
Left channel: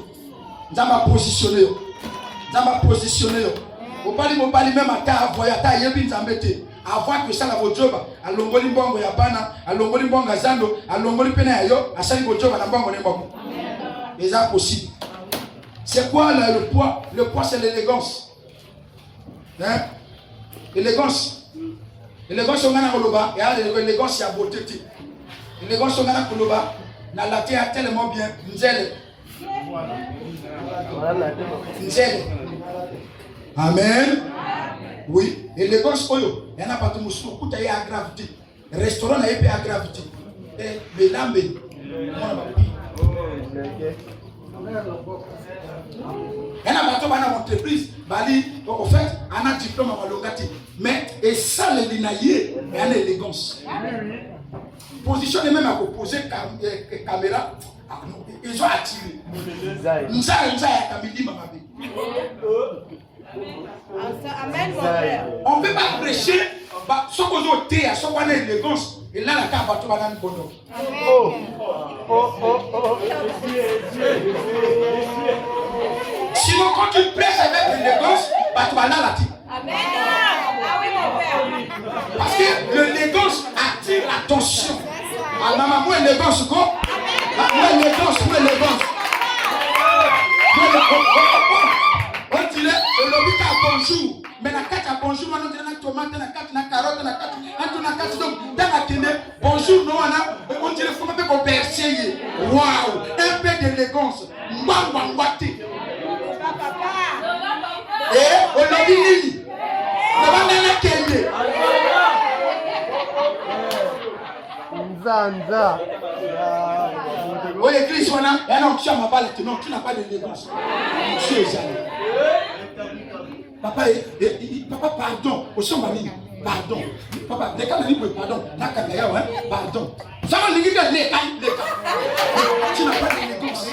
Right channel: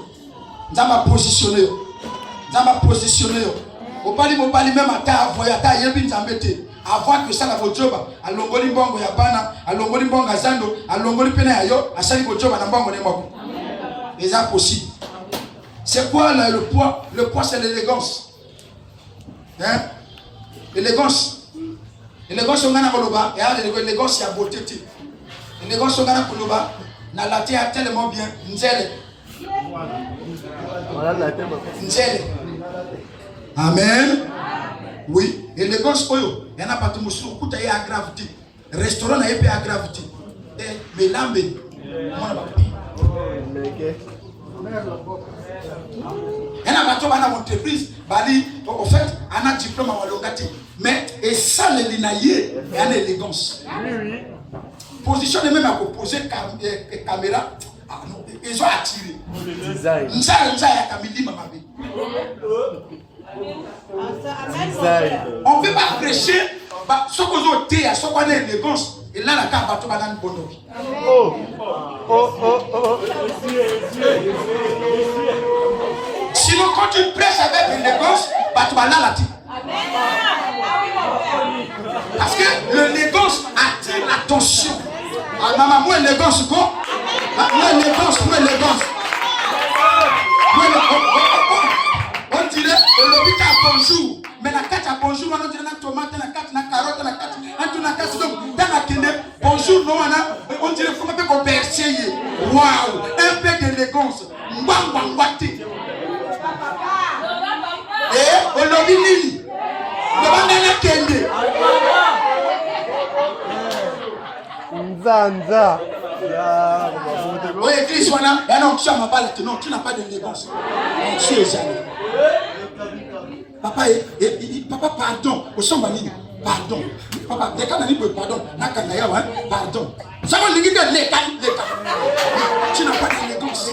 Nous allons positionner. Nous allons positionner. Au pali même à ta voyage, à yebi nzambete. Avant que ça la vojoba, à longoli bongo ya bana, à longoli bongo zando, à longoli pena yo, à sali vojoba na bongo ne mabo. C'est impossible. C'est quoi le poids? Le poids, c'est l'élégance. Hein? L'élégance. L'élégance, on a un koloba. Et l'élégance, il y a beauté. L'élégance, on a un koloba. Na la terre tellement bien. Nzele. Nzele. Amen. Oui. L'élégance, oyo. Il y en a pas tout le monde. Tout est à gravité. Restaurant, il y a à gravité. Mais l'âme, on a pas. Il y a une entreprise, au fait, on a un diplôme en logati. Mais, et ça, le linaillé, il y a une élégance. Position même à opposer caméra, ils ont attiré. On ne peut pas prêcher, ce qu'on a été, ce qu'on a élégance. Et là, la carte va tout une bonne vie. Sinon, quand tu prêches avec l'élégance, tu vas là la tête. Parce que l'élégance attire l'attention. Ah, maman, moi, l'élégance, quoi? Moi, l'élégance. On dirait, le lobby a bonjour. Mais la carte a bonjour, on dirait la tomate, la carte, la carotte, la carte, la carte, donc, dans la télé, bonjour, non, on dirait comment on peut percer. Waouh, un peu d'élégance. Mbambambati. Et on lobby nini. Devant la télé. Nzanza. Oui, église, on a un option, ma balle, non, tu n'as pas d'élégance. Tu es jamais. Papa, papa, pardon. Au son mani, pardon. Papa, les cas n'ont pas pardon. La canaya, pardon. Ça va nous dire les cas. Tu n'as pas d'élégance.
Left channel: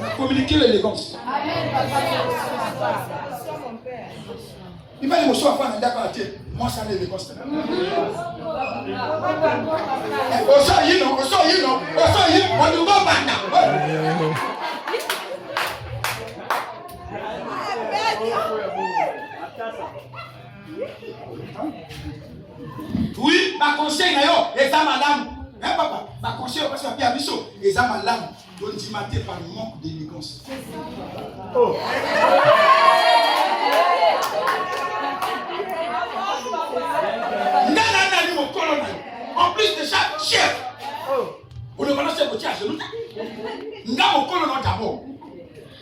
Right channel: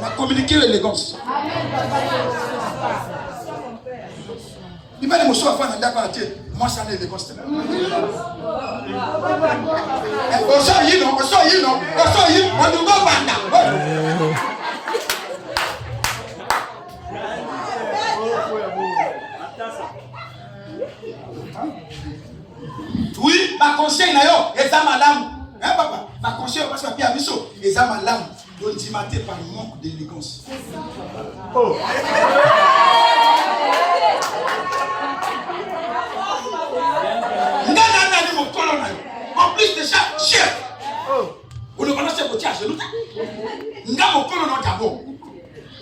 On a communiqué l'élégance. Il m'a dit, monsieur, moi, ça l'élégance. On sort, on nous va. Oui, ma conseil, et ça, madame. Hein, papa? Ma conseil, parce que Pierre Bissot, et ça, madame. Donc tu maté par manque d'élégance. Oh. En plus déjà, chef. On ne va pas se voter à genoux. Nga mon colonel d'abord.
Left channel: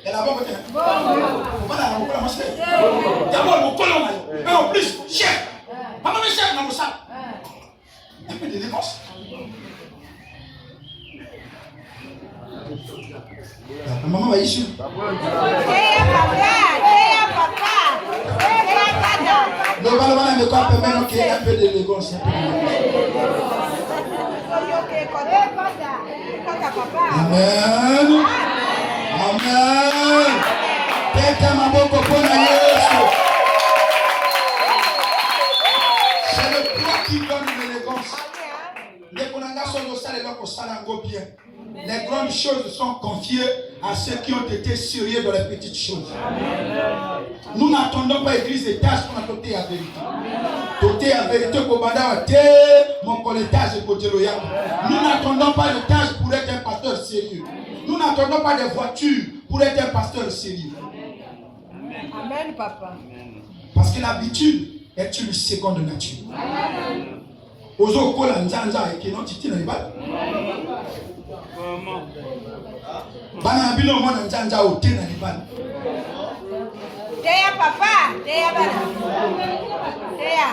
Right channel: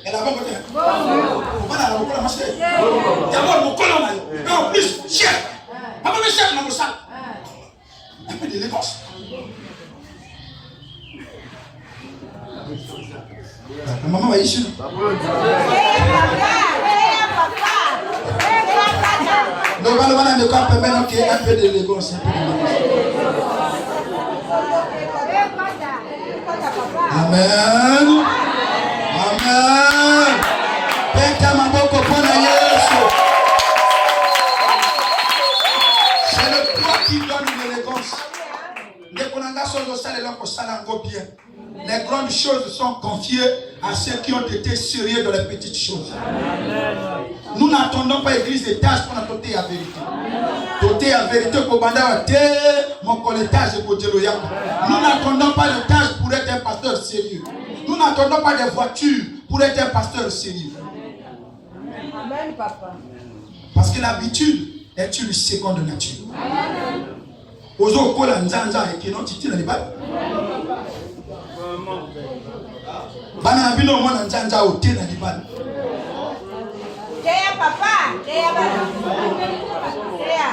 Elle a pas voté. Voilà, on va la chef. D'abord mon colonel. Et en plus, chef. Maman le chef dans le salle. Un peu d'élégance. Maman va ici. Le balabana ne peut permettre qu'il y ait un peu d'élégance. Amen. Amen. C'est le poids qui donne l'élégance. Les grandes choses sont confiées à ceux qui ont été sérieux dans les petites choses. Nous n'attendons pas l'église des tâches pour nous doter à vérité. Doter à vérité pour mon colletage et nous n'attendons pas de tâches pour être un pasteur sérieux. Nous n'attendons pas de voitures pour être un pasteur sérieux. Amen, papa. Parce que l'habitude est une seconde nature. Ozo kola nzanza et qui n'ont titi dans les balles. Bana bino mona nzanza au thé dans les balles. Teya papa, teya bana. Teya.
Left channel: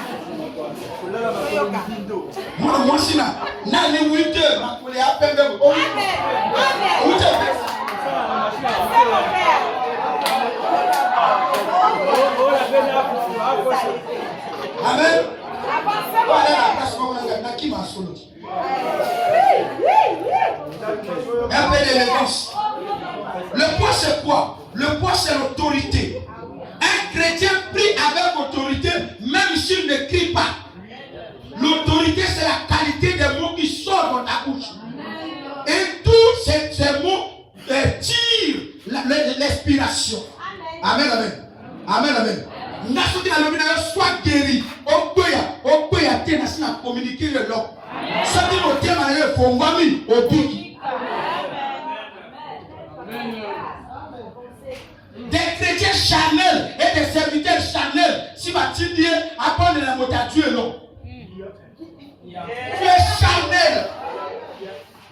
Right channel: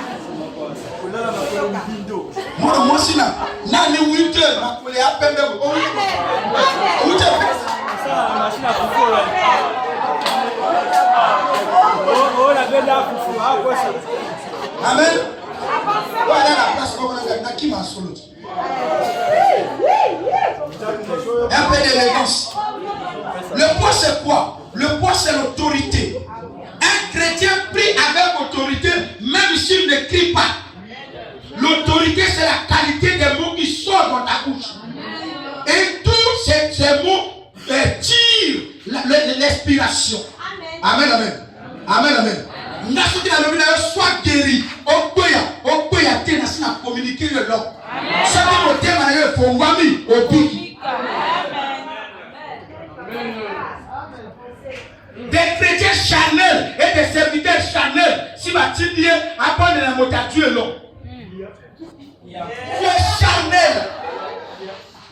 Moi sina na ni wite na kole apende o wite. Amen. Un peu d'élégance. Le poids c'est quoi? Le poids c'est l'autorité. Un chrétien prie avec autorité, même s'il ne crie pas. L'autorité c'est la qualité des mots qui sortent dans ta bouche. Et tous ces mots tirent l'inspiration. Amen, amen. Amen, amen. Soit guéri, communiquer le l'homme. Des chrétiens charnels et des serviteurs charnels, si va-t-il dire, apprendre la mot à Dieu, non. Tu es charnel.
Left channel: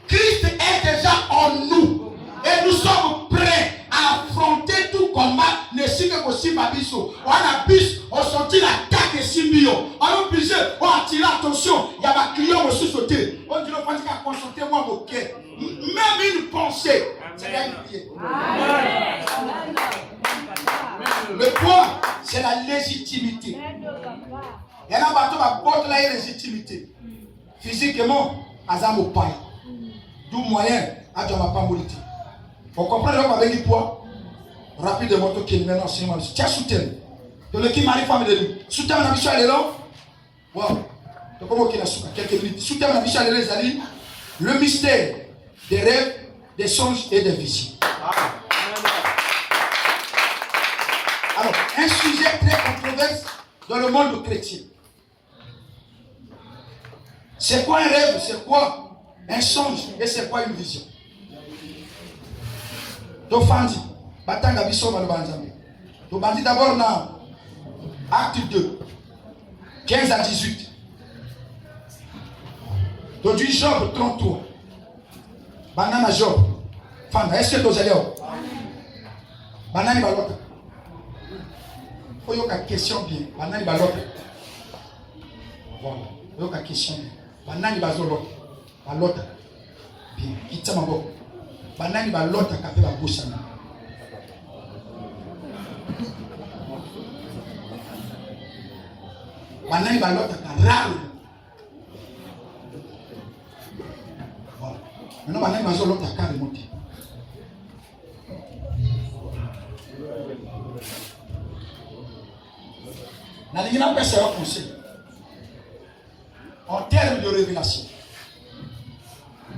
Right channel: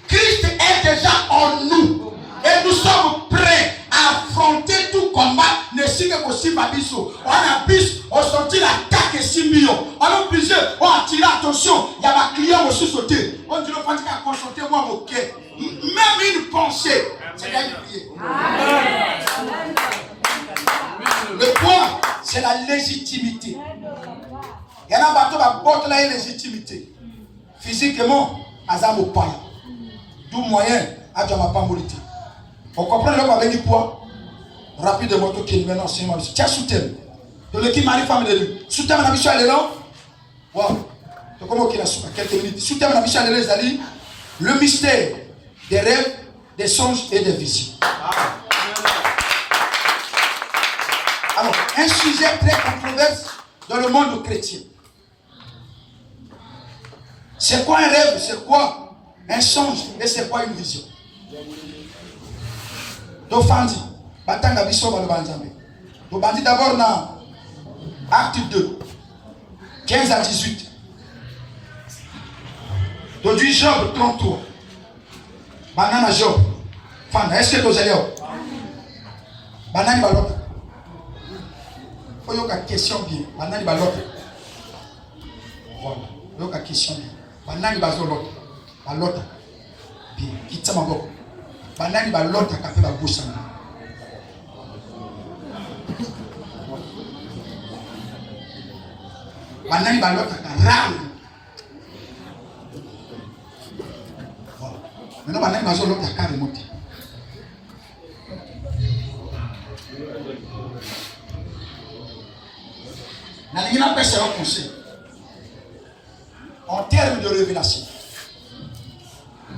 Christ est déjà en nous. Et nous sommes prêts à affronter tout combat. Ne signe possible à Bisso. On a bis, on sortit l'attaque et 6 millions. On a obligé, on a tiré attention. Il y a ma client aussi sauté. On dit, on va consulter moi mon cœur. Même une pensée, c'est d'aller prier. Le point, c'est la légitimité. Il y en a un bateau qui porte la légitimité. Physiquement, Azam au paille. D'où moyen, à ma pambolité. On comprend l'homme avec du poids. Rapidement, qui est maintenant, c'est moi. Tu as soutenu. Donc, le qui m'arrive, femme de lui. Soutenu, la mission, elle est là. Waouh. Donc, comment qu'il a soutenu quelques minutes. Soutenu, la mission, elle est là. Le mystère des rêves, des songes et des visions. Alors, un sujet très controversé dans le monde chrétien. C'est quoi un rêve? C'est quoi un songe? Et c'est quoi une vision? Donc, Fandi, Batanga Bisso Balobanzamé. Donc, Bandi d'abord dans Acte 2, 15 à 18. Donc, du Job 33. Banana Job. Fanda, est-ce que vous allez? Banana Balota. Il y a une question bien. Banana Balota. Voilà. Il y a une question bien. Banana Balota. Balota. Bien. Quitte ma boque. Banani balota kape ba bouche na. Banani balota ka raou. Voilà. Maintenant banani bazolota ka remote. Na lingina pesa un conseil. En termes de révélation.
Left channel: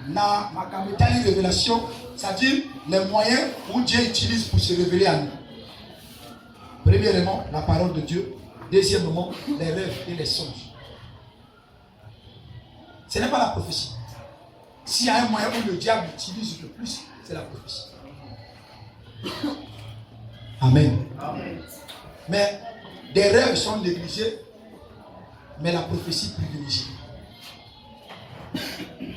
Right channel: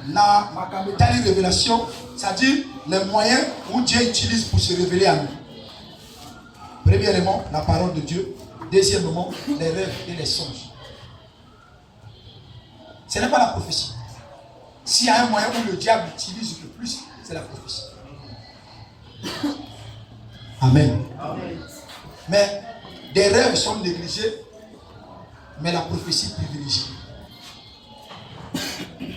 Na makamutani révélation, c'est-à-dire les moyens où Dieu utilise pour se révéler à nous. Premièrement, la parole de Dieu. Deuxièmement, les rêves et les songes. Ce n'est pas la prophétie. S'il y a un moyen où le diable utilise le plus, c'est la prophétie. Amen. Mais des rêves sont négligés, mais la prophétie privilégiée.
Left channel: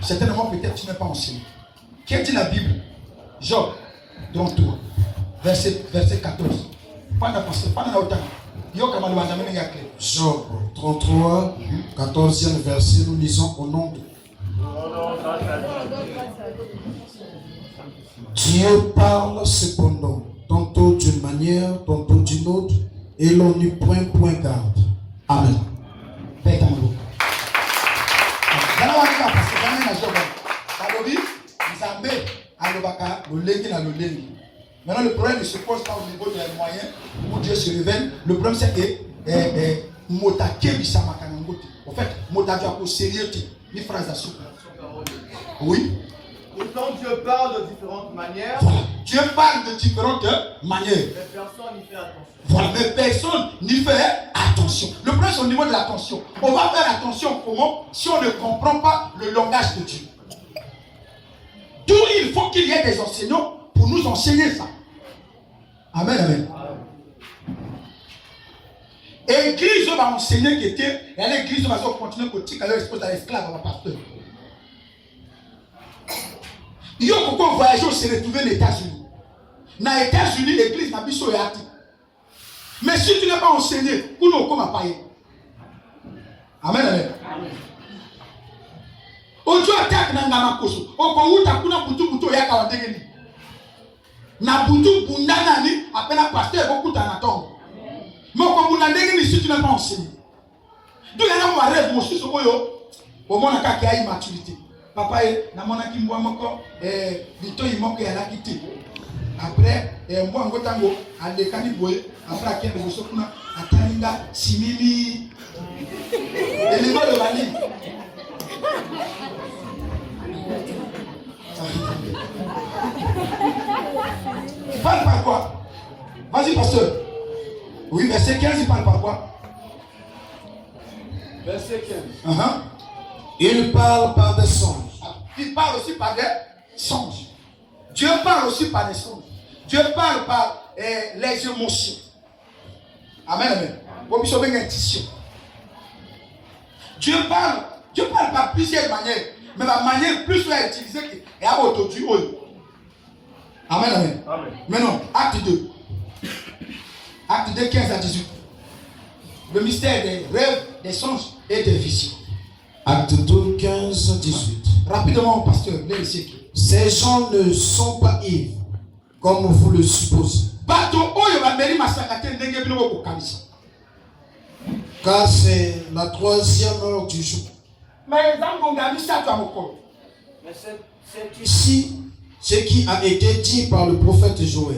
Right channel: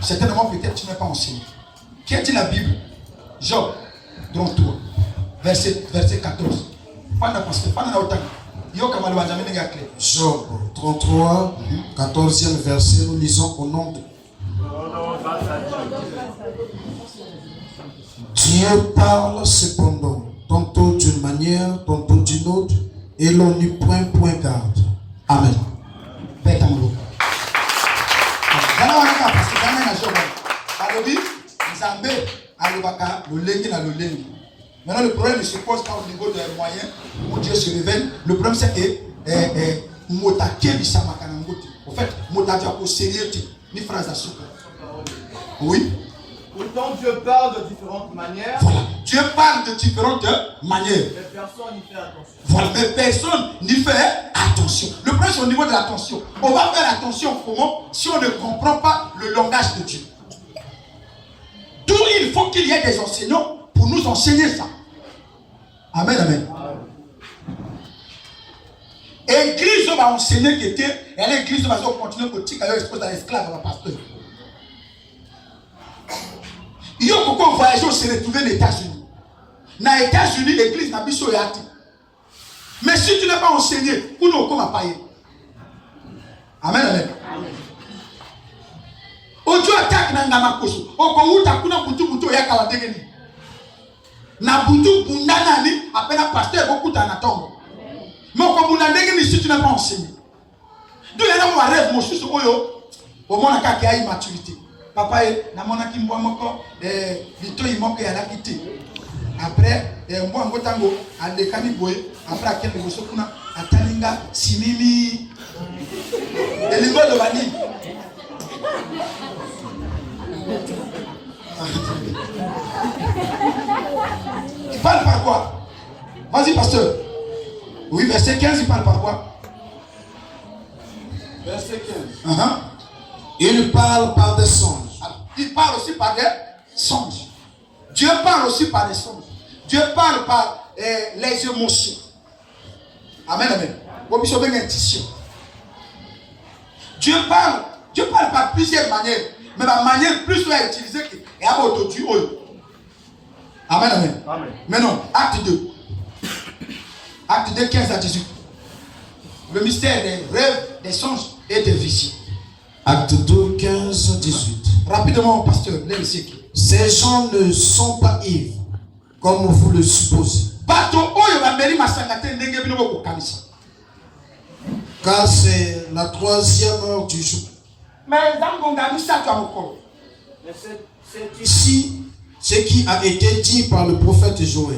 Certainement, peut-être tu n'es pas enseigné. Qui a dit la Bible? Job, dans toi, verset 14. Job 33, 14e verset, nous lisons au nom de Dieu parle cependant, tantôt d'une manière, tantôt d'une autre, et l'on n'y prend point garde. Amen. Maintenant, le problème ne se pose pas au niveau des moyens où Dieu se révèle. Le problème, c'est que en fait, oui. Pourtant, Dieu parle de différentes manières. Voilà. Dieu parle de différentes manières. Mais personne n'y fait attention. Voilà, mais personne n'y fait attention. Le problème, c'est au niveau de l'attention. On va faire attention comment si on ne comprend pas le langage de Dieu. D'où il faut qu'il y ait des enseignants pour nous enseigner ça. Amen, amen. Église va enseigner que l'église va continuer politique à l'expose à l'esclave, à la pasteur. Il y a beaucoup de voyageurs se retrouver aux États-Unis. Dans les États-Unis, l'église n'a pas de yati. Mais si tu n'es pas enseigné, pour nous, comment payer? Amen, amen. Ojo attaque na ngamakoso. Oko uta kuna butu ya kawandegeni. Na butu bundana ni apena pasteur beaucoup d'anatongo. Mais oko bundandegeni si tu n'es pas enseigné. D'où les gens rêvent mon sous oyo. Au moins na ka immaturité. Papa na mona ki mbwa moko lito imoko ya lakiti. Après mbwa ngotango andekani boye après akende boso kuna atalinga simimi. Elingo le bani. Tu parles par quoi? Vas-y, pasteur. Oui, verset 15, il parle par quoi? Verset 15. Il parle par des songes. Il parle aussi par des songes. Dieu parle aussi par des songes. Dieu parle par les émotions. Amen, amen. Dieu parle par plusieurs manières. Mais la manière plus à utiliser est à autodue. Amen, amen. Amen. Maintenant, acte 2. Acte 2, 15 à 18. Le mystère des rêves, des songes et des visions. Acte 2, 15, 18. Rapidement, pasteur, les siècles. Ces gens ne sont pas ivres, comme vous le supposez. Car c'est la 3e heure du jour. Mais c'est ici ce qui a été dit par le prophète Joël.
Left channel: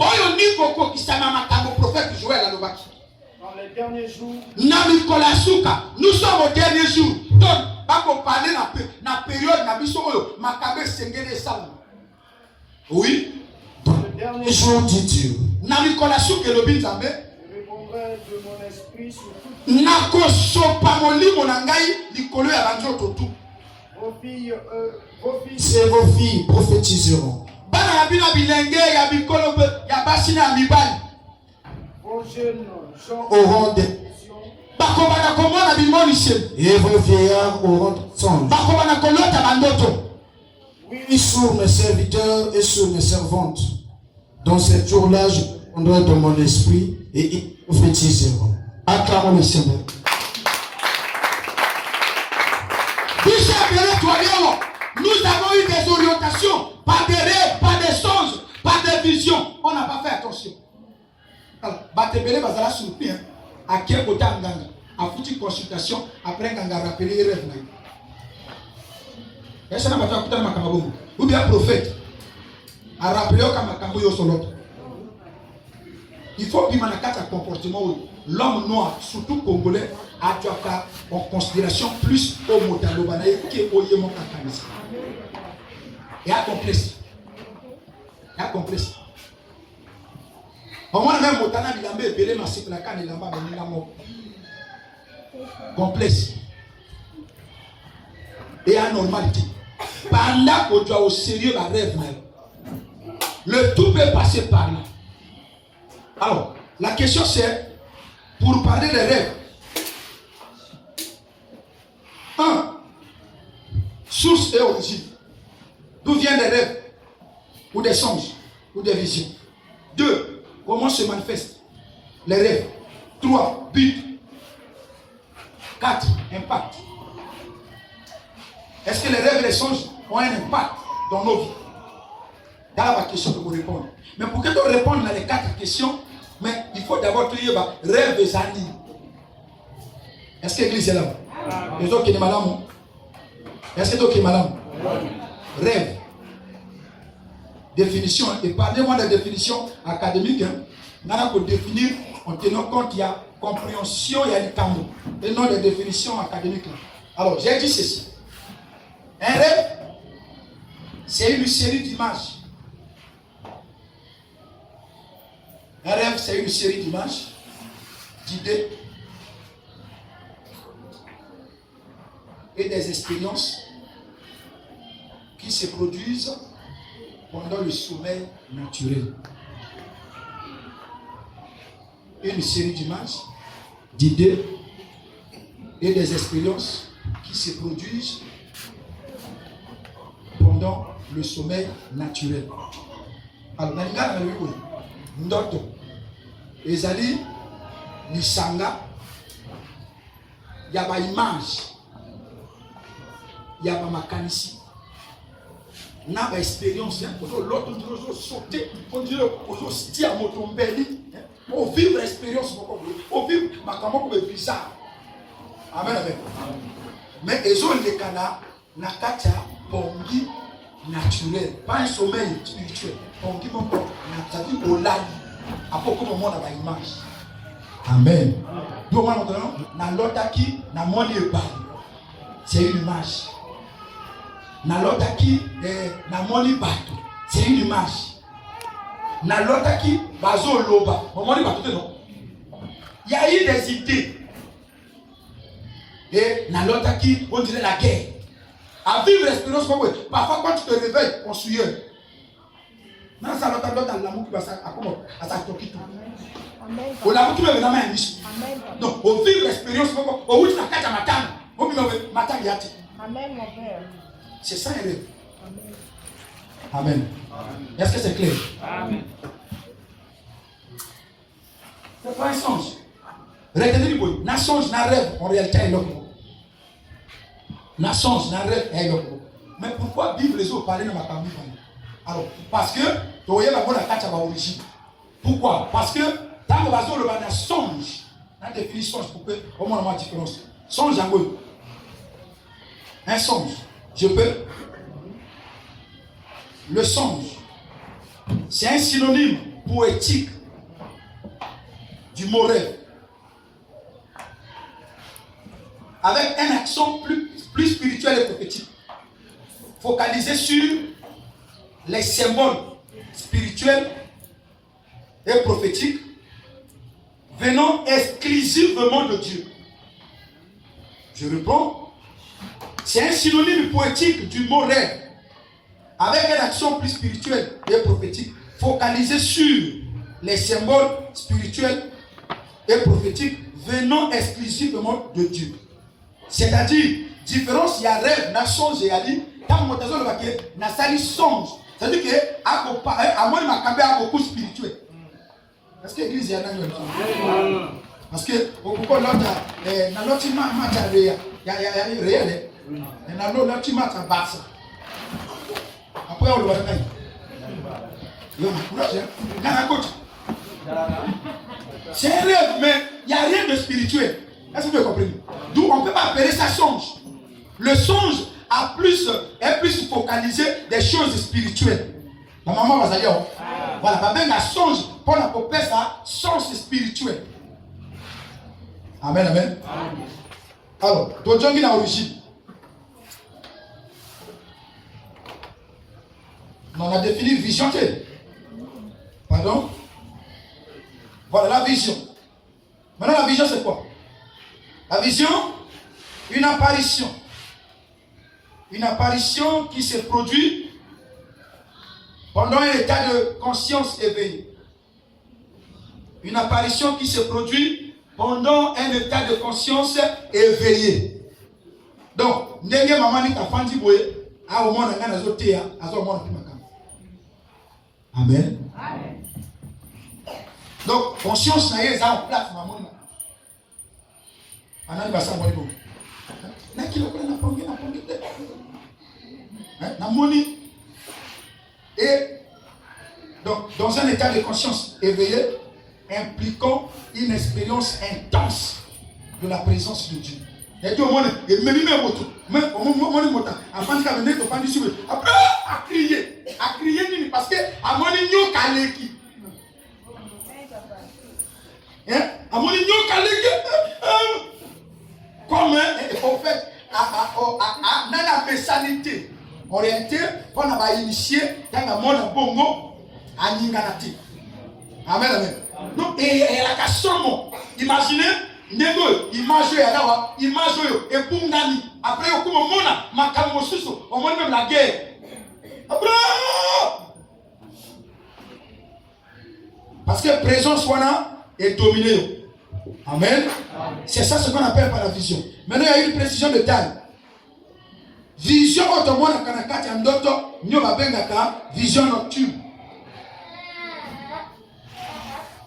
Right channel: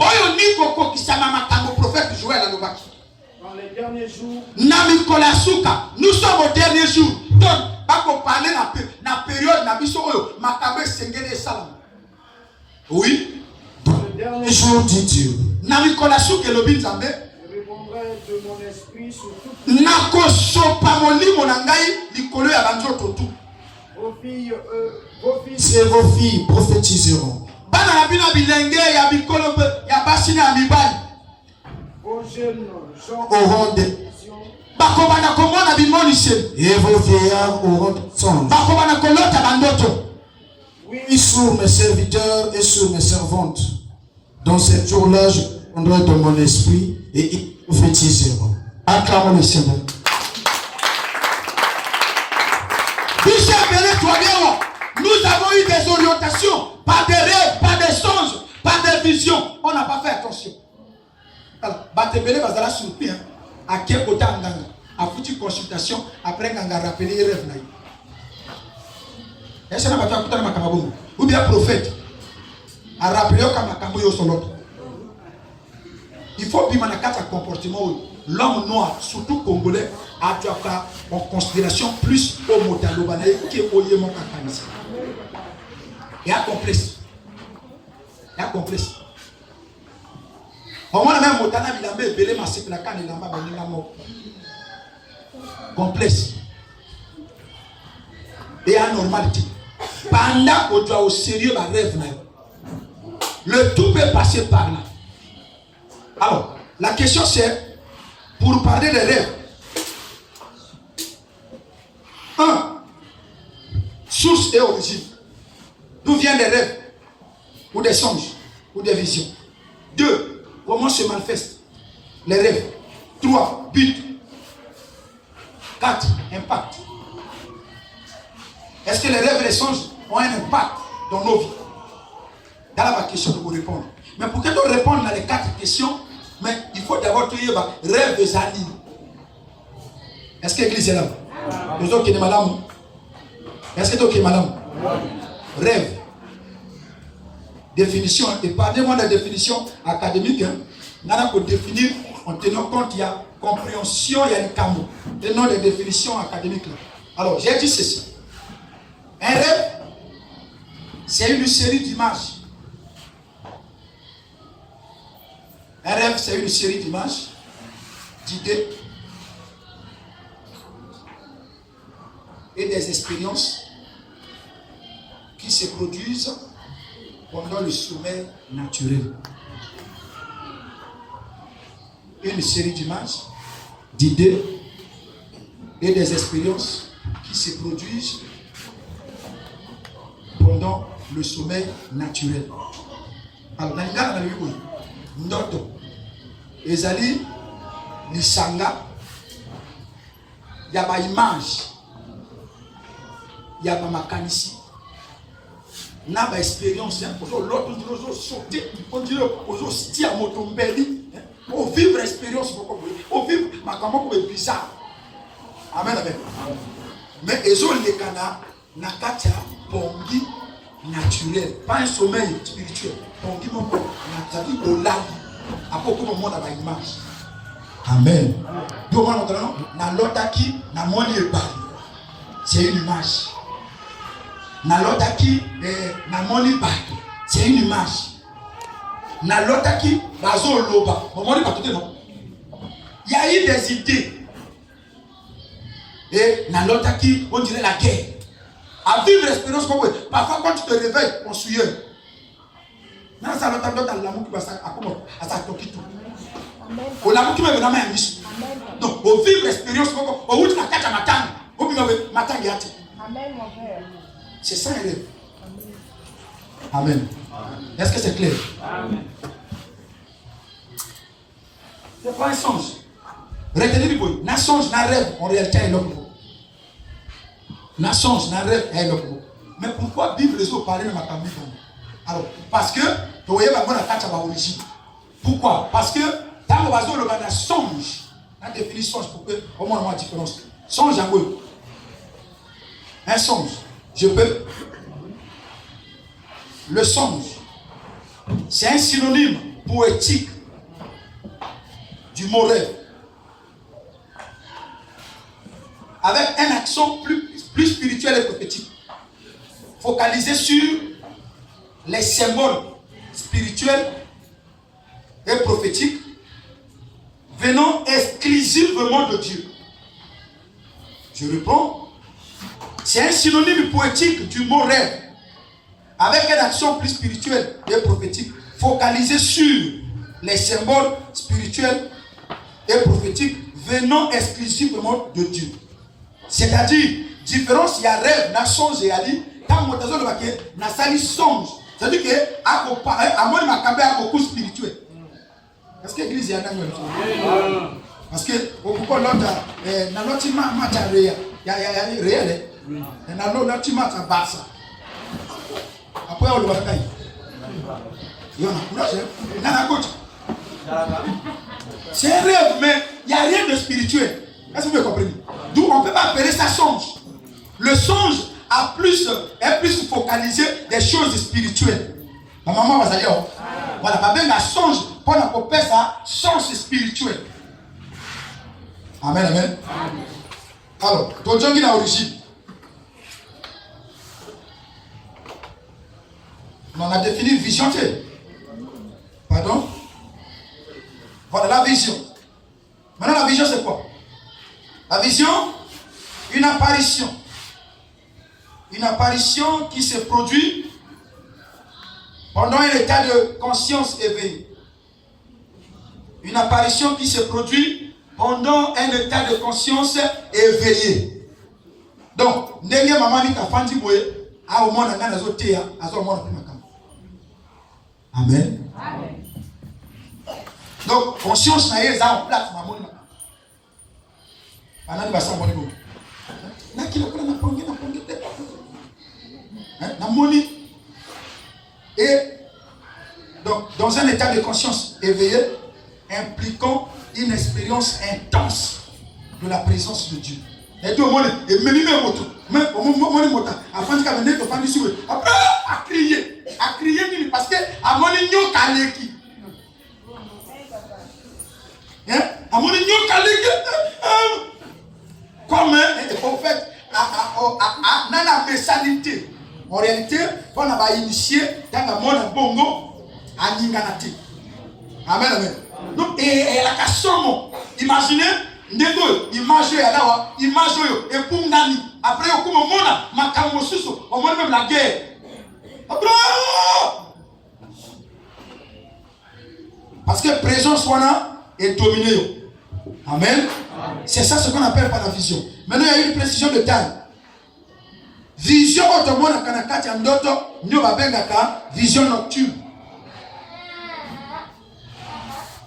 dans les derniers jours. Nous sommes au dernier jour. Donc, on parler la période oui. Dans le dernier jour, dit Dieu. Je répondrai de mon esprit sur vos filles et vos filles prophétiseront. Vos jeunes gens auront des visions. Et vos vieillards auront des songes. Oui, sur mes serviteurs et sur mes servantes. Dans ces jours-là, je répondrai de mon esprit et ils prophétiseront. Acclamons le Seigneur. Nous avons eu des orientations, par des rêves, par des songes, par des visions. On n'a pas fait attention. Alors, Batebele va la surpris. À quel côté Nganga? A foutu consultation, après Nganga rappelé les rêves. Est-ce que n'a pas fait Makamabo? Ou bien prophète a rappelé au Kamakambo yo solo. Il faut bien un comportement. L'homme noir, surtout congolais, a dû avoir en considération plus au Motalobanaï qu'au Yémon Kakanisa. Et à complexe. Et à complexe. Au moins, même Motana Bilambe, Belé Massif, la canne et l'amba, mais mort. Complexe. Et anormalité. Pendant qu'on doit au sérieux, la rêve même. Le tout peut passer par là. Alors, la question c'est, pour parler des rêves, 1. Source et origine. D'où viennent les rêves, ou des songes, ou des visions. 2. Comment se manifestent les rêves. 3. But. 4. Impact. Est-ce que les rêves et les songes ont un impact dans nos vies? Dans la question de vous répondre. Mais pour que tu répondes dans les 4 questions, mais il faut d'abord te dire rêve et anime. Est-ce que l'église est là? Les autres qui sont malades. Est-ce que tu es malade? Rêve. Définition. Et parlez-moi de la définition académique. On a pour définir en tenant compte il y a compréhension, il y a des camps. Et non les définitions académiques. Alors, j'ai dit ceci. Un rêve, c'est une série d'images. Un rêve, c'est une série d'images, d'idées et des expériences qui se produisent pendant le sommeil naturel. Une série d'images, d'idées et des expériences qui se produisent pendant le sommeil naturel. Alors, dans le cas de Ndoto, ezali lisanga, il y a ma image, il y a ma makanisi, il y a ma expérience, l'autre on sauter, on dirait on se à motombeli, on vivre l'expérience, on vivre ma campagne comme bizarre. Amen, amen. Mais ils ont les canards, nakatia, pongi, naturel, pas un sommeil spirituel. Pongi, mon corps, naturel, au lac. Après, comme on a une image. Amen. Donc, on a l'autre qui n'a moins de bail. C'est une image. Na l'autre qui n'a moins de bail. C'est une image. Na l'autre qui bazo loba. Il y a eu des idées. Et na l'autre qui, on dirait la guerre. À vivre l'expérience comme parfois quand tu te réveilles, on suit. Non, ça l'autre dans l'amour qui va à sa toquito. Au l'amour qui va venir dans ma mission. Donc, au vivre l'expérience comme au bout de la carte à matin, au bout de matin gâté. Amen, mon père. C'est ça un rêve. Amen. Est-ce que c'est clair? Amen. C'est pas un songe. Retenez du bruit. Na songe, na rêve, en réalité, est l'homme. Na songe, na rêve, est l'homme. Mais pourquoi vivre les eaux parler de ma famille? Alors, parce que, tu voyez la carte à l'origine. Pourquoi? Parce que, dans le bateau, le bana songe. La définition, songe, pour que, au moins, on a une différence. Songe, en gros. Un songe. Je peux. Le songe, c'est un synonyme poétique du mot rêve. Avec un accent plus spirituel et prophétique. Focalisé sur les symboles spirituels et prophétiques venant exclusivement de Dieu. Je reprends. C'est un synonyme poétique du mot rêve, avec une action plus spirituelle et prophétique, focalisée sur les symboles spirituels et prophétiques venant exclusivement de Dieu. C'est-à-dire, différence, il y a rêve, na songe et ali, quand on a dit na sali songe, c'est-à-dire que à moi, ma cambe a beaucoup spirituel. Est-ce que l'église est à Nanyol? Parce que, au pourquoi l'autre, dans l'autre match, il y a réel, et dans l'autre match, à Barça. Après, on le voit. Il y a un courage, il y a un coach. C'est un rêve, mais il n'y a rien de spirituel. Est-ce que vous comprenez? D'où on ne peut pas appeler ça songe. Le songe est plus focalisé des choses spirituelles. La maman va dire, voilà, ma belle, la songe, pour la popée, ça, songe spirituel. Amen, amen. Alors, ton Dieu qui est l'origine. On a défini vision. Pardon? Voilà la vision. Maintenant, la vision, c'est quoi? La vision, une apparition. Une apparition qui se produit Pendant un état de conscience éveillée. Une apparition qui se produit pendant un état de conscience éveillé. Donc, ndenge maman dit ta fandi boye, a au moins na zo tea, a zo moins na makam. Amen. Amen. Donc, conscience na ye za en place maman makam. Anani basa moni bo. Na kilo ko na pongi te. Na moni. Et donc, dans un état de conscience éveillé, impliquant une expérience intense de la présence de Dieu. Et tout le monde est même au moment où avant de venir, à crier, parce que à mon igno kaleki. À mon igno kaleki. Comme en fait, dans la messalité orientée, on a initié dans le monde bongo à Ninganati. Amen, amen. Donc, et la question, imaginez, nego, image là, image et pour nani. Après, on commence à makambo suso, on va même la guerre. Après, parce que la présence est dominée. Amen. C'est ça ce qu'on appelle par la vision. Maintenant, il y a une précision de taille. Vision automone kanakati andoto nyo babengaka vision nocturne.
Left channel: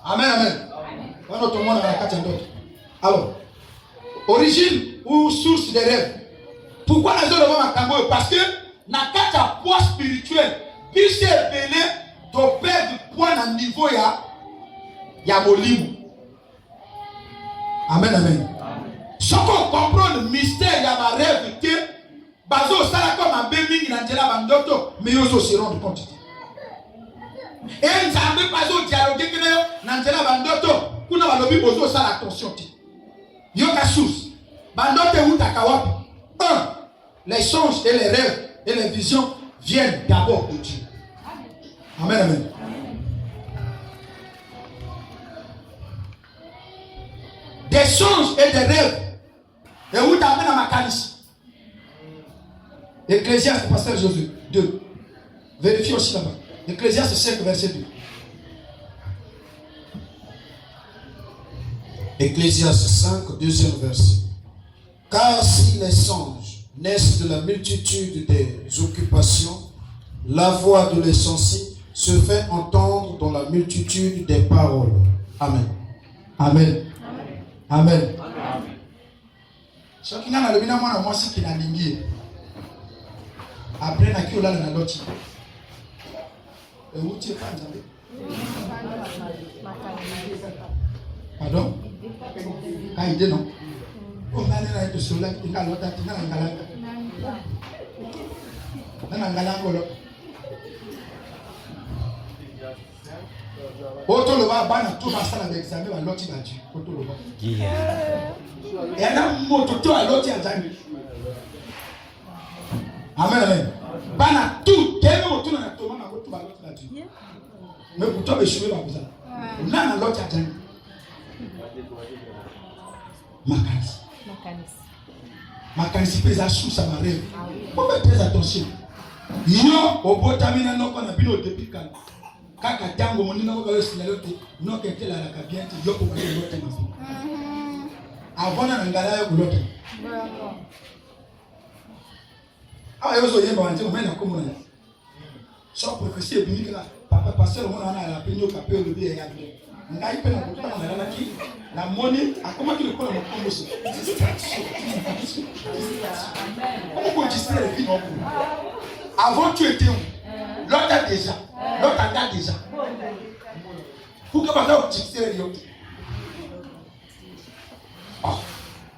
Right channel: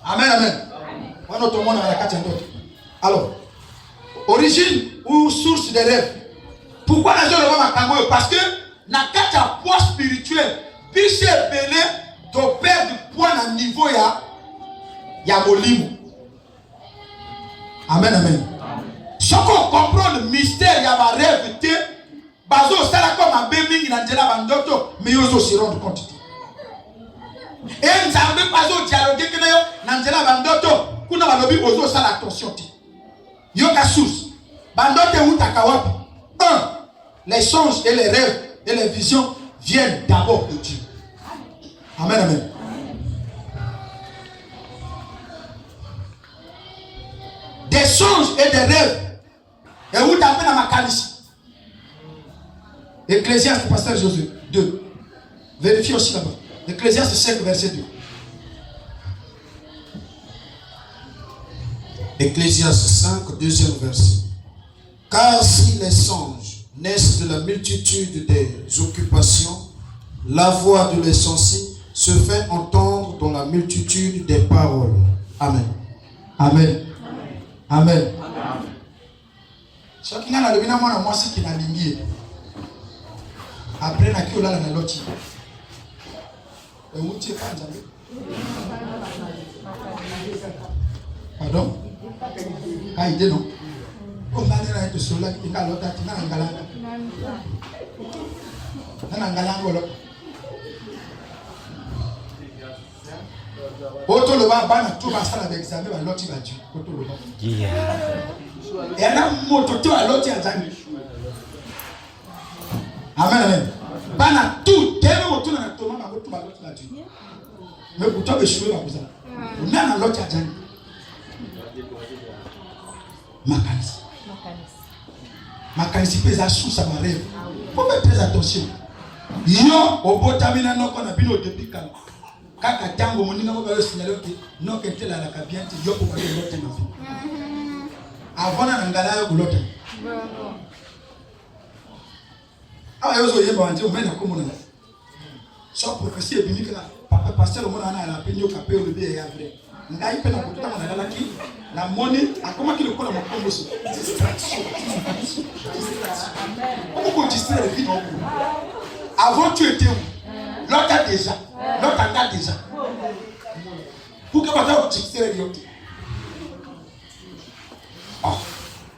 Amen, amen. On automone kanakati andoto. Alors, origine ou source des rêves. Pourquoi les gens le voient makambo? Parce que nakati a poids spirituel. Biche belé d'opère du poids à niveau ya molimo. Amen, amen. Ce qu'on comprend le mystère, il y a ma rêve, bazo sala comme un bébé qui n'a pas bandoto, mais ils se rendent compte. Et nous avons bazo dialoguer que nous n'avons pas bandoto, kuna balobi bozo sala attention. Yoka source, bandote ou takawapi. Un, les songes et les rêves et les visions viennent d'abord de Dieu. Amen, amen. Des songes et des rêves. Et où t'appelles à ma calice. Ecclésiaste, pasteur Josué 2. Vérifiez aussi là-bas. Ecclésiaste 5, verset 2. Ecclésiaste 5, deuxième verset. Car si les songes naissent de la multitude des occupations, la voix de l'essentiel se fait entendre dans la multitude des paroles. Amen. Amen. Amen. Ce qui n'a le bien moi c'est qui n'a lingué. Après na qui ola na loti. Et où tu es pas jamais. Pardon? Quand il dit non. On va aller là de cela, il a l'autre qui n'a ngala. Na ngala ngolo. Auto le va bana tout va ça avec examen va loti va Dieu. Auto le va. Et là moto to a loti azami. Amen, amen. Bana tout tellement moto na to mama moto va loti va Dieu. Mais pour toi échouer va vous ça. Na na loti azami. Makanisi pesa sous sa marée. Faut faire attention. Yo obotamina noko na bino depuis quand. Kaka tango monina ko ba signalé que non que tela la kabiante yo ko ba lote na fi. Avona na ngala yo lote. Ah yo zo yeba ante o mena ko mona. So prophétie biblique là papa pasteur mona na la penyo kapé o bébé ya vrai. Ngai pe na ko tama na ngala ki na moni akoma ki le ko na makombo so. Comment qu'on distraire les filles non? Avant tu étais où? L'autre déjà. L'autre a déjà. Pour que maintenant tu distraires les autres. Oh.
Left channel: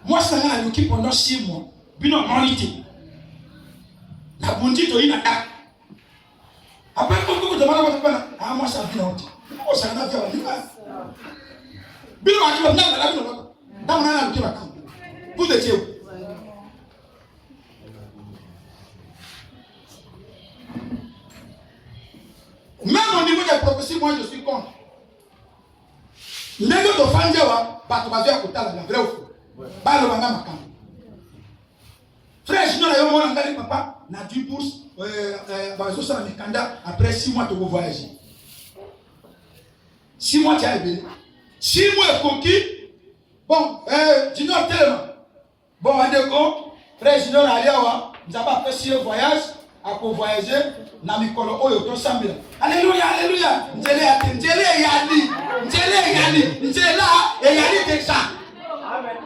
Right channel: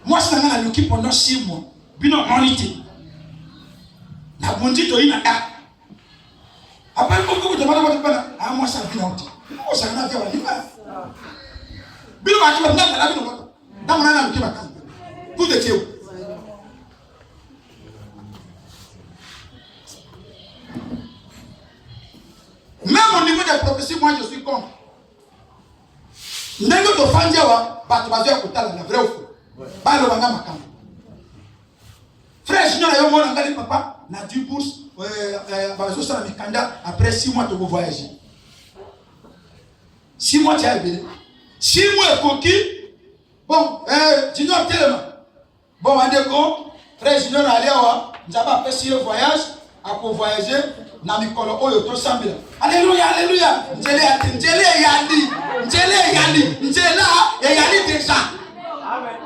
Moi, je suis en train pendant 6 mois. Bino monité. La bondi to inaka. Après, quand vous demandez, ah, moi, ça vient. Moi, ça vient faire l'hiver. Bino va qui va venir à la vie. Dans mon âme, qui va quand? Vous étiez où? Même au niveau des prophéties, moi je suis contre. N'est-ce pas Fandiawa, Batubazo Kotala, la vraie ou faux. Balo Banga Makam. Frère, je n'ai pas eu mon papa, na 10 bourses, après 6 mois, tu vas voyager. 6 mois, tu as été. 6 mois, coquille. Bon, Junior, tellement. Bon, on est go. Frère Junior, nous avons fait 6 voyages. Pour voyager, na mikolo oyo to sambila. Alléluia, alléluia. Njele yali. Njela yali déjà. Amen.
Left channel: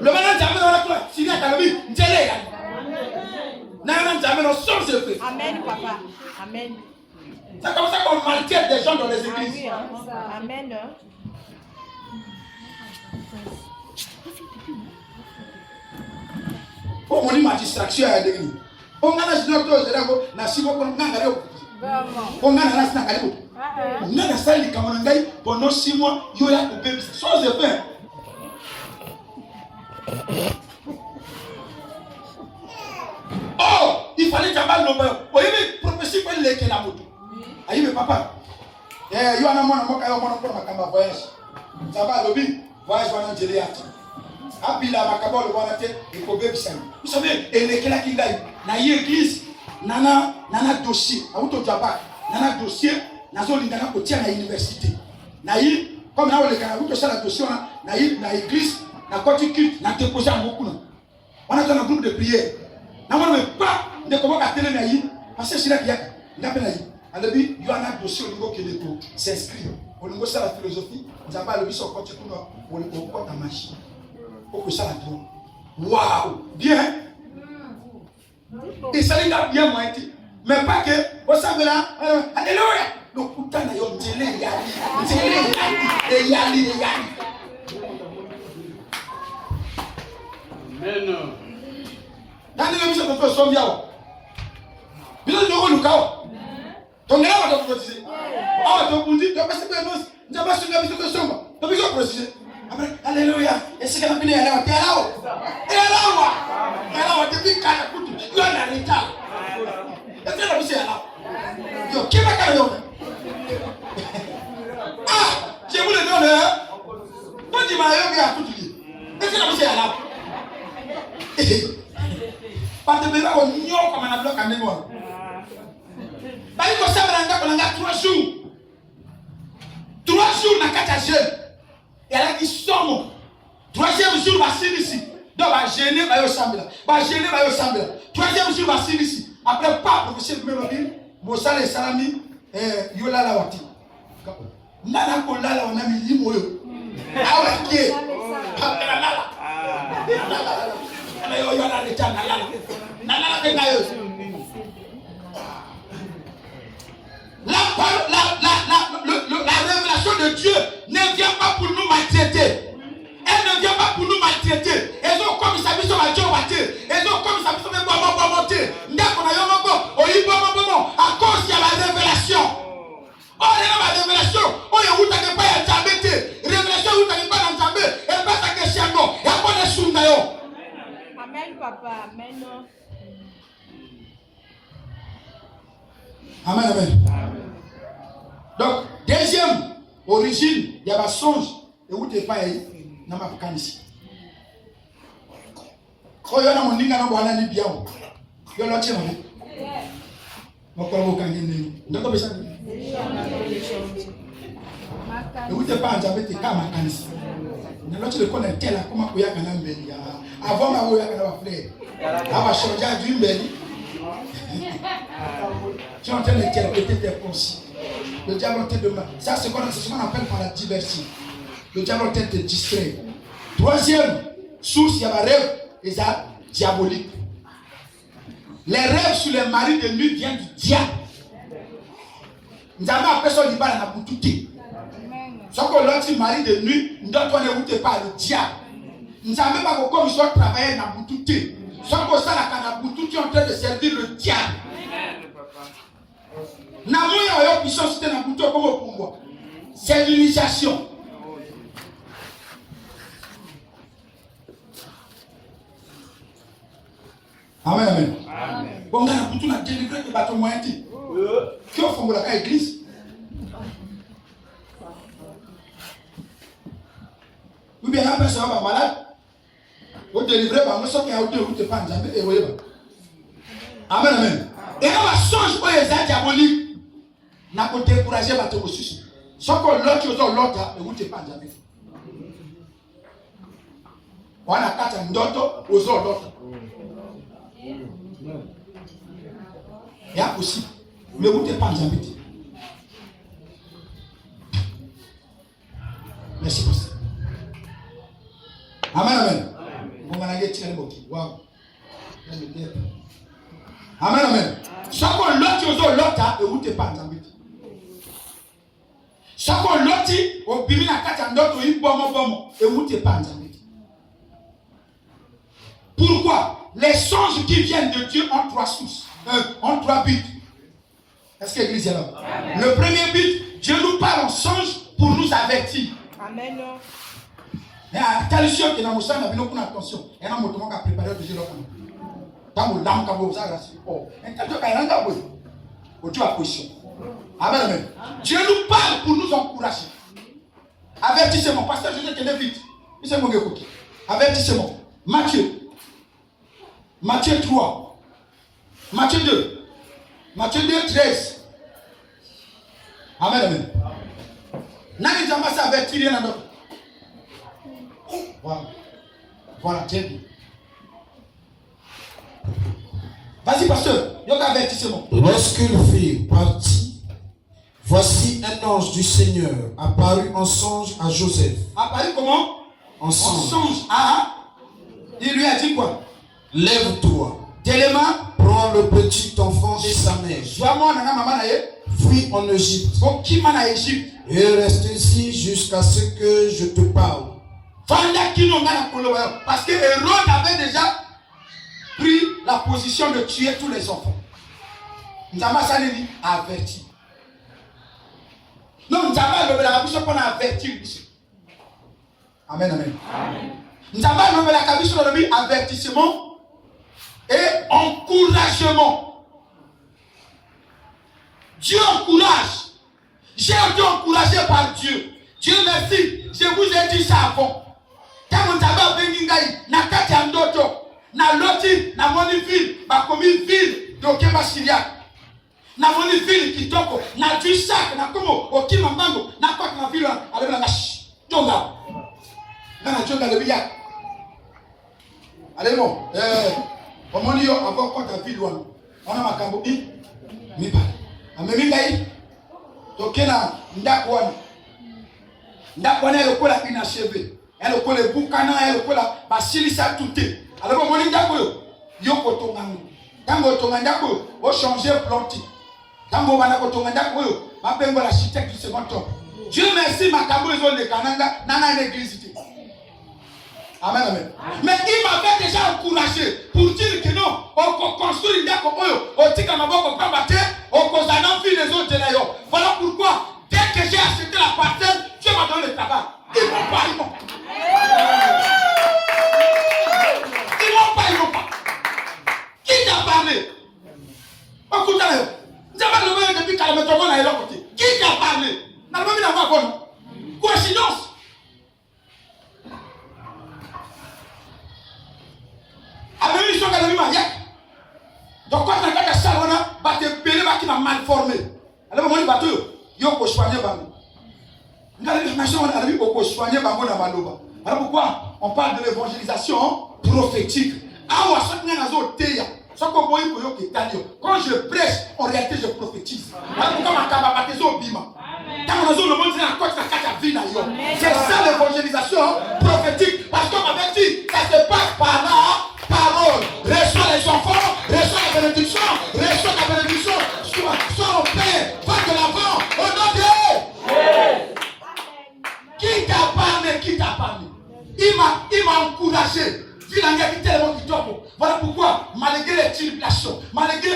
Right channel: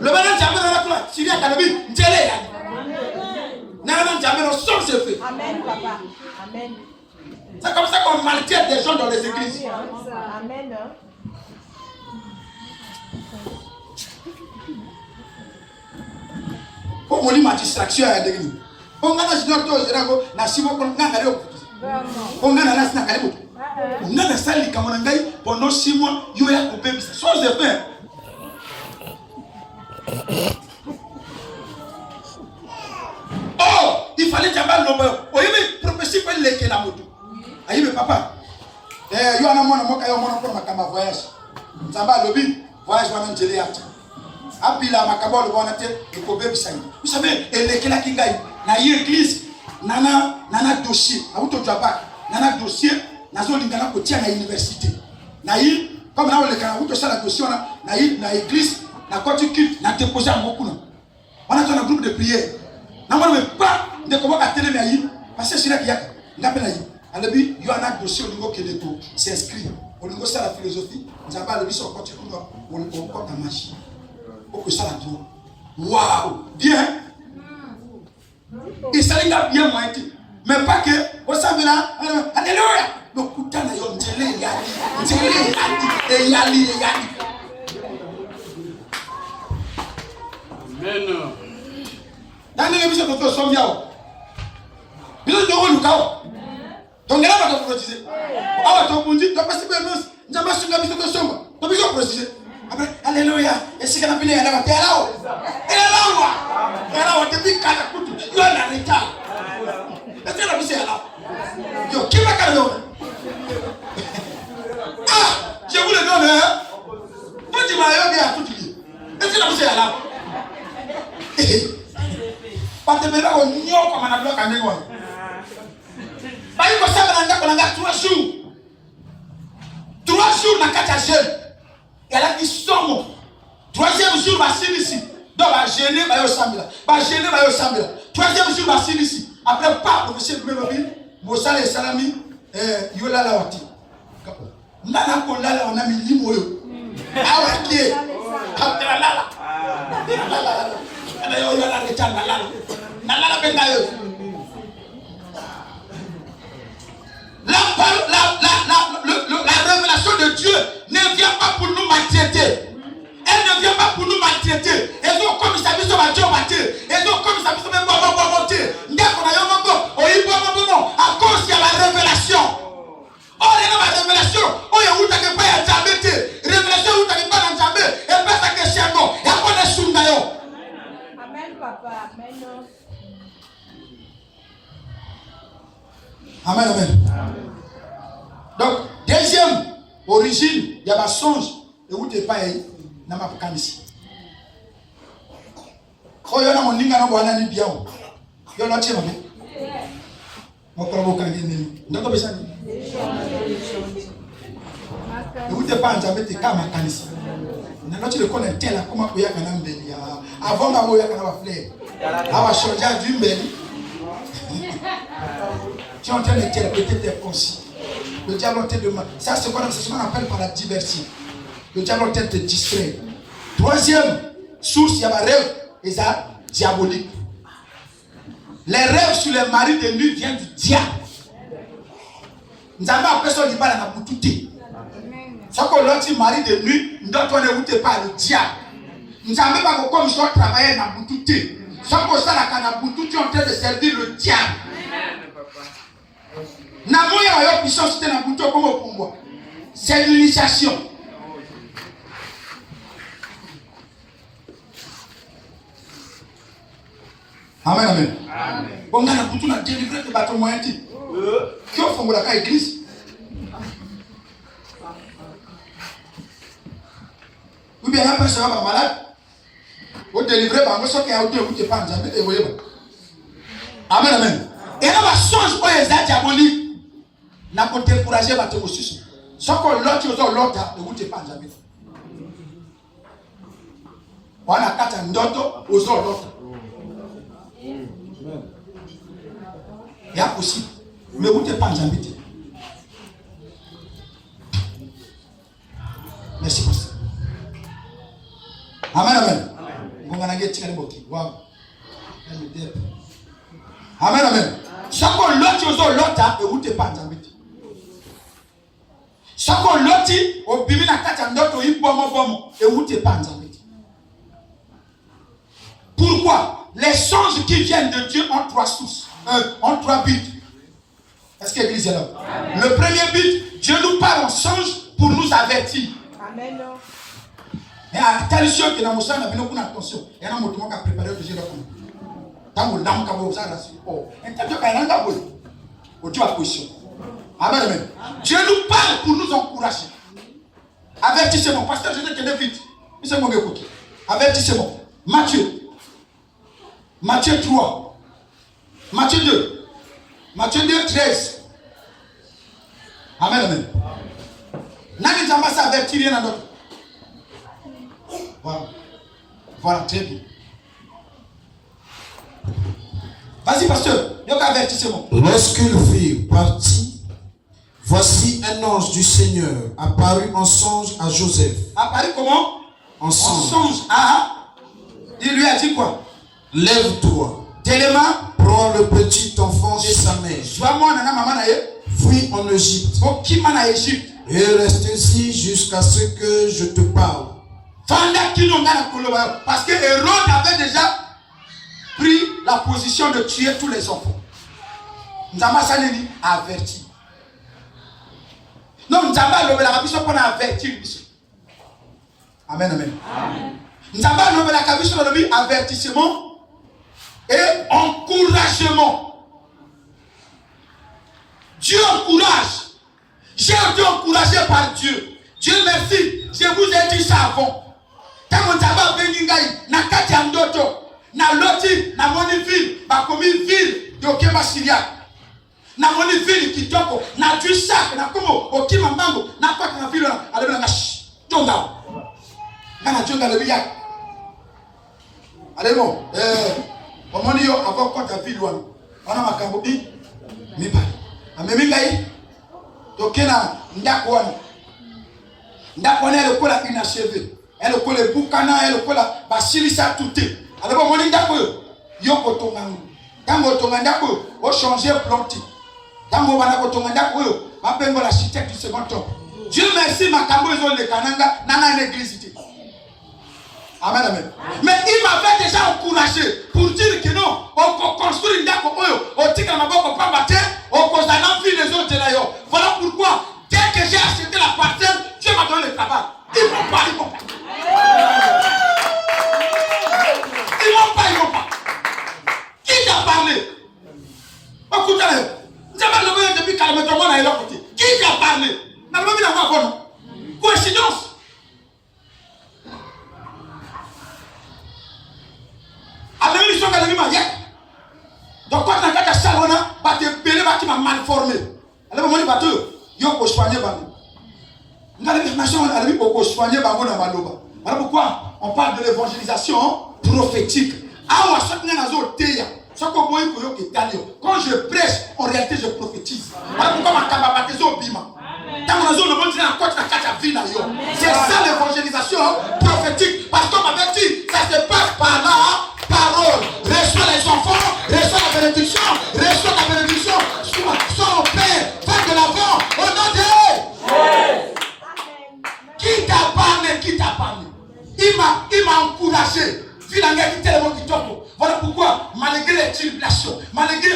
Le malade jamais dans la croix. S'il y a Kalobi, njele yali. N'ayant jamais le son se fait. Amen, papa. Amen. C'est comme ça qu'on maltraite des gens dans les églises. Amen. Pour mon ma distraction à l'église. On a la junior to zerago na simo ko nganga leo. On a la sina karibu. On a la salle comme on ngai pendant 6 mois yo ya couper ça. Chose de pain. Oh, il fallait jambal no ba. O yeme prophétie ko leke la moto. Ayi le papa. Yo ana mona moka yo mona ko makama voyage. Zamba lobi voyage wana njele ati. Abila makabolo wana te ikobe bisangi. Vous savez, elekela kingai na église nana dossier, auto jaba, nana dossier, nazo lingana ko tia na université. Na yi comme na oleka auto sala dossier na église, na côté na déposer en beaucoup. On a dans un groupe de prière. Na moi me pas de comment ka télé mais yi parce que c'est là qu'il y a ngapela yi. Alabi yo ana dossier au niveau keleko, s'inscrit. Au niveau ça la philosophie, nzamba le biso côté kuno, on compte en machine. Pour ça la tour. Waouh, bien. Et ça il a bien moitié. Mais pas que, vous savez là, alléluia. Le coup d'ana yo njele yali. Amen. Nani le biso de sombia. Bilo no lukao. Donc là va te protéger. Ah, tu dis, tu vas passer par nous. Nous avons sur la biso de somba. Tu vas protéger. Alléluia. Et si quand on finit, on va te là. Depuis quand on coupe, on a l'état. Est-ce que la vie est là? Yo, qui va faire le ah, je vous le donne. Quand tu vas y aller à tout le monde. Est-ce que la vie est là? Pas de bébé, on n'y a pas de bloc à l'école. Pas une fois, ça va dans 3 jours. 3 jours dans 4 jeune. Et elle a dit somme. 3e jour, va s'y ici. Donc, va gêner, va y ressembler. Va gêner, va y ressembler. 3e jour, va s'y ici. Après, pas, professeur Gouvernement, Bossal et Salami, Yola la Wati. Nana Kondala, on a mis l'imoyo. Ah, ok. Après la lala. La révélation de Dieu ne vient pas pour nous maltraiter. Elle ne vient pas pour nous maltraiter. Elles ont comme ça, ils ont comme ça, à cause de la révélation. Oh, il y a la révélation. Oh, il y a où t'as pas à t'embêter. Révélation où t'as pas à t'embêter. Et pas ta question. Il y a quoi de soumnayo. Amen, papa. Amen. Amen, amen. Donc, deuxième origine, il y a ma songe. Et où t'es pas na makanisi. Oh, il y a mon ninga na bwana ni bien. Il y a l'autre chema. Moko bokangi nini. Ndoko besani. Et où t'es pas en jamais t'es ka makanisi. Na l'autre le connecter là comment oya kana mbeli. Avant na oya kana ba fleur. Ava changer du mbeli. Qui ont en train d'interpréter tes pensées. Le diable te demande. Ça, c'est ce qu'on appelle par la diversion. Le diable te distrait. Troisième source, il y a un rêve, et ça, diabolique. Les rêves sur les maris de nuit viennent du diable. Nous avons appelé ça le diable dans la boutique. Ce qu'on leur dit mari de nuit, nous ne écoutez pas le diable. Nous savons pas comment ils sont travaillés dans la boutique. Ce qu'on ça, la boutique, ils sont en train de servir le diable. C'est l'initiation. Amen, amen. Bon, on a délivré le bâton moyen. Qui ont fait la église? Ou bien, il y a un personne malade. Vous délivrez par ce qui a été vous pas jamais et voyez. Amen, amen. Et là, la songe pour les diaboliques n'a pas découragé votre ressource. Sauf que l'autre, et vous pas jamais. On a quatre ndoto aux autres. Il y a aussi. Mais vous pas jamais. Merci pour ça. Amen, amen. On va aller tirer le mot. Wow. Amen, amen. Chaque l'autre, et vous te pas jamais. Chaque l'autre, au bimi na kata ndoto yi bomo, et vous te pas jamais. Pourquoi? Les songes qui viennent de Dieu ont trois sources, ont trois buts. Est-ce que l'église est là? Le premier but, Dieu nous parle en songe pour nous avertir. Amen. Mais attention que dans mon sang, il y a une attention. Il y a un mot qui a préparé le giro. Dans mon dame, quand vous avez la suite. Et quand tu as un gars, tu as position. Amen, amen. Dieu nous parle pour nous encourager. Avertissement. Pasteur, je te dis vite. Mais c'est mon écoute. Avertissement. Matthieu 3. Matthieu 2. Matthieu 2, 13. Amen, amen. N'a jamais ça avertir rien d'autre. Voilà. Voilà, très bien. Vas-y, pasteur. Il y a un avertissement. Lorsqu'ils furent partis, voici un ange du Seigneur apparut en songe à Joseph. Apparu comment? En songe. En songe. Il lui a dit quoi? Lève-toi, Téléma, prends le petit enfant et sa mère, fuis en Égypte et reste ici jusqu'à ce que je te parle. Parce que Hérode avait déjà pris la position de tuer tous les enfants. Nous avons averti. Non, nous avons averti. Amen, amen. Nous avons avertissement et encouragement. Dieu encourage. J'ai été encouragé par Dieu. Dieu merci. Je vous ai dit ça avant. Quand vous avez venu na kati ya ndoto na loti na moni ville ba komi ville de Okemba Syria na moni ville kitoko na du sac na komo okima mbango na kwa na ville alebela ngash jonga na jonga le biak alemo omoni yo avant quand ta ville wana wana makambo bi mipa amemi ngai tokena ndako wana le kola inachevé. Elle est collée boucana, elle est collée basilisa tout. Alors bon on ndako yo kotongango. Tango tongandako o changer planti. Tango bana kotongandako yo mapengo l'architecte du second temps. Dieu merci makambo ils ont le kananga nana l'église. Amen, amen. Mais il m'avait déjà encouragé pour dire que non, on construit ndako oyo, on tika maboko pa bater, on kozana vie les autres là yo. Voilà pourquoi dès que j'ai acheté la parcelle, Dieu m'a donné le travail. Ils vont pas. Ils vont pas. Qui t'a parlé? Écoutez, vous avez levé depuis qu'elle me tombe à l'autre côté. Qui t'a parlé? N'a pas vu la voix, non? Coïncidence. Avec une mission qu'elle a mis ma yek. Donc quand on a fait ça, on a été qui m'a mal formé. Elle m'a dit, bateau, yo ko soigner bano. Alors pourquoi on parle de l'évangélisation prophétique? Quand je prêche, en réalité je prophétise. Alors pourquoi c'est ça l'évangélisation prophétique. Parce qu'on m'avait dit, ça se passe par la parole. Reçois les enfants, reçois la bénédiction, reçois la bénédiction. Sois au Père, va de l'avant, au nom de Qui t'a parlé? Il m'a encouragé. Voilà pourquoi, malgré les tribulations, malgré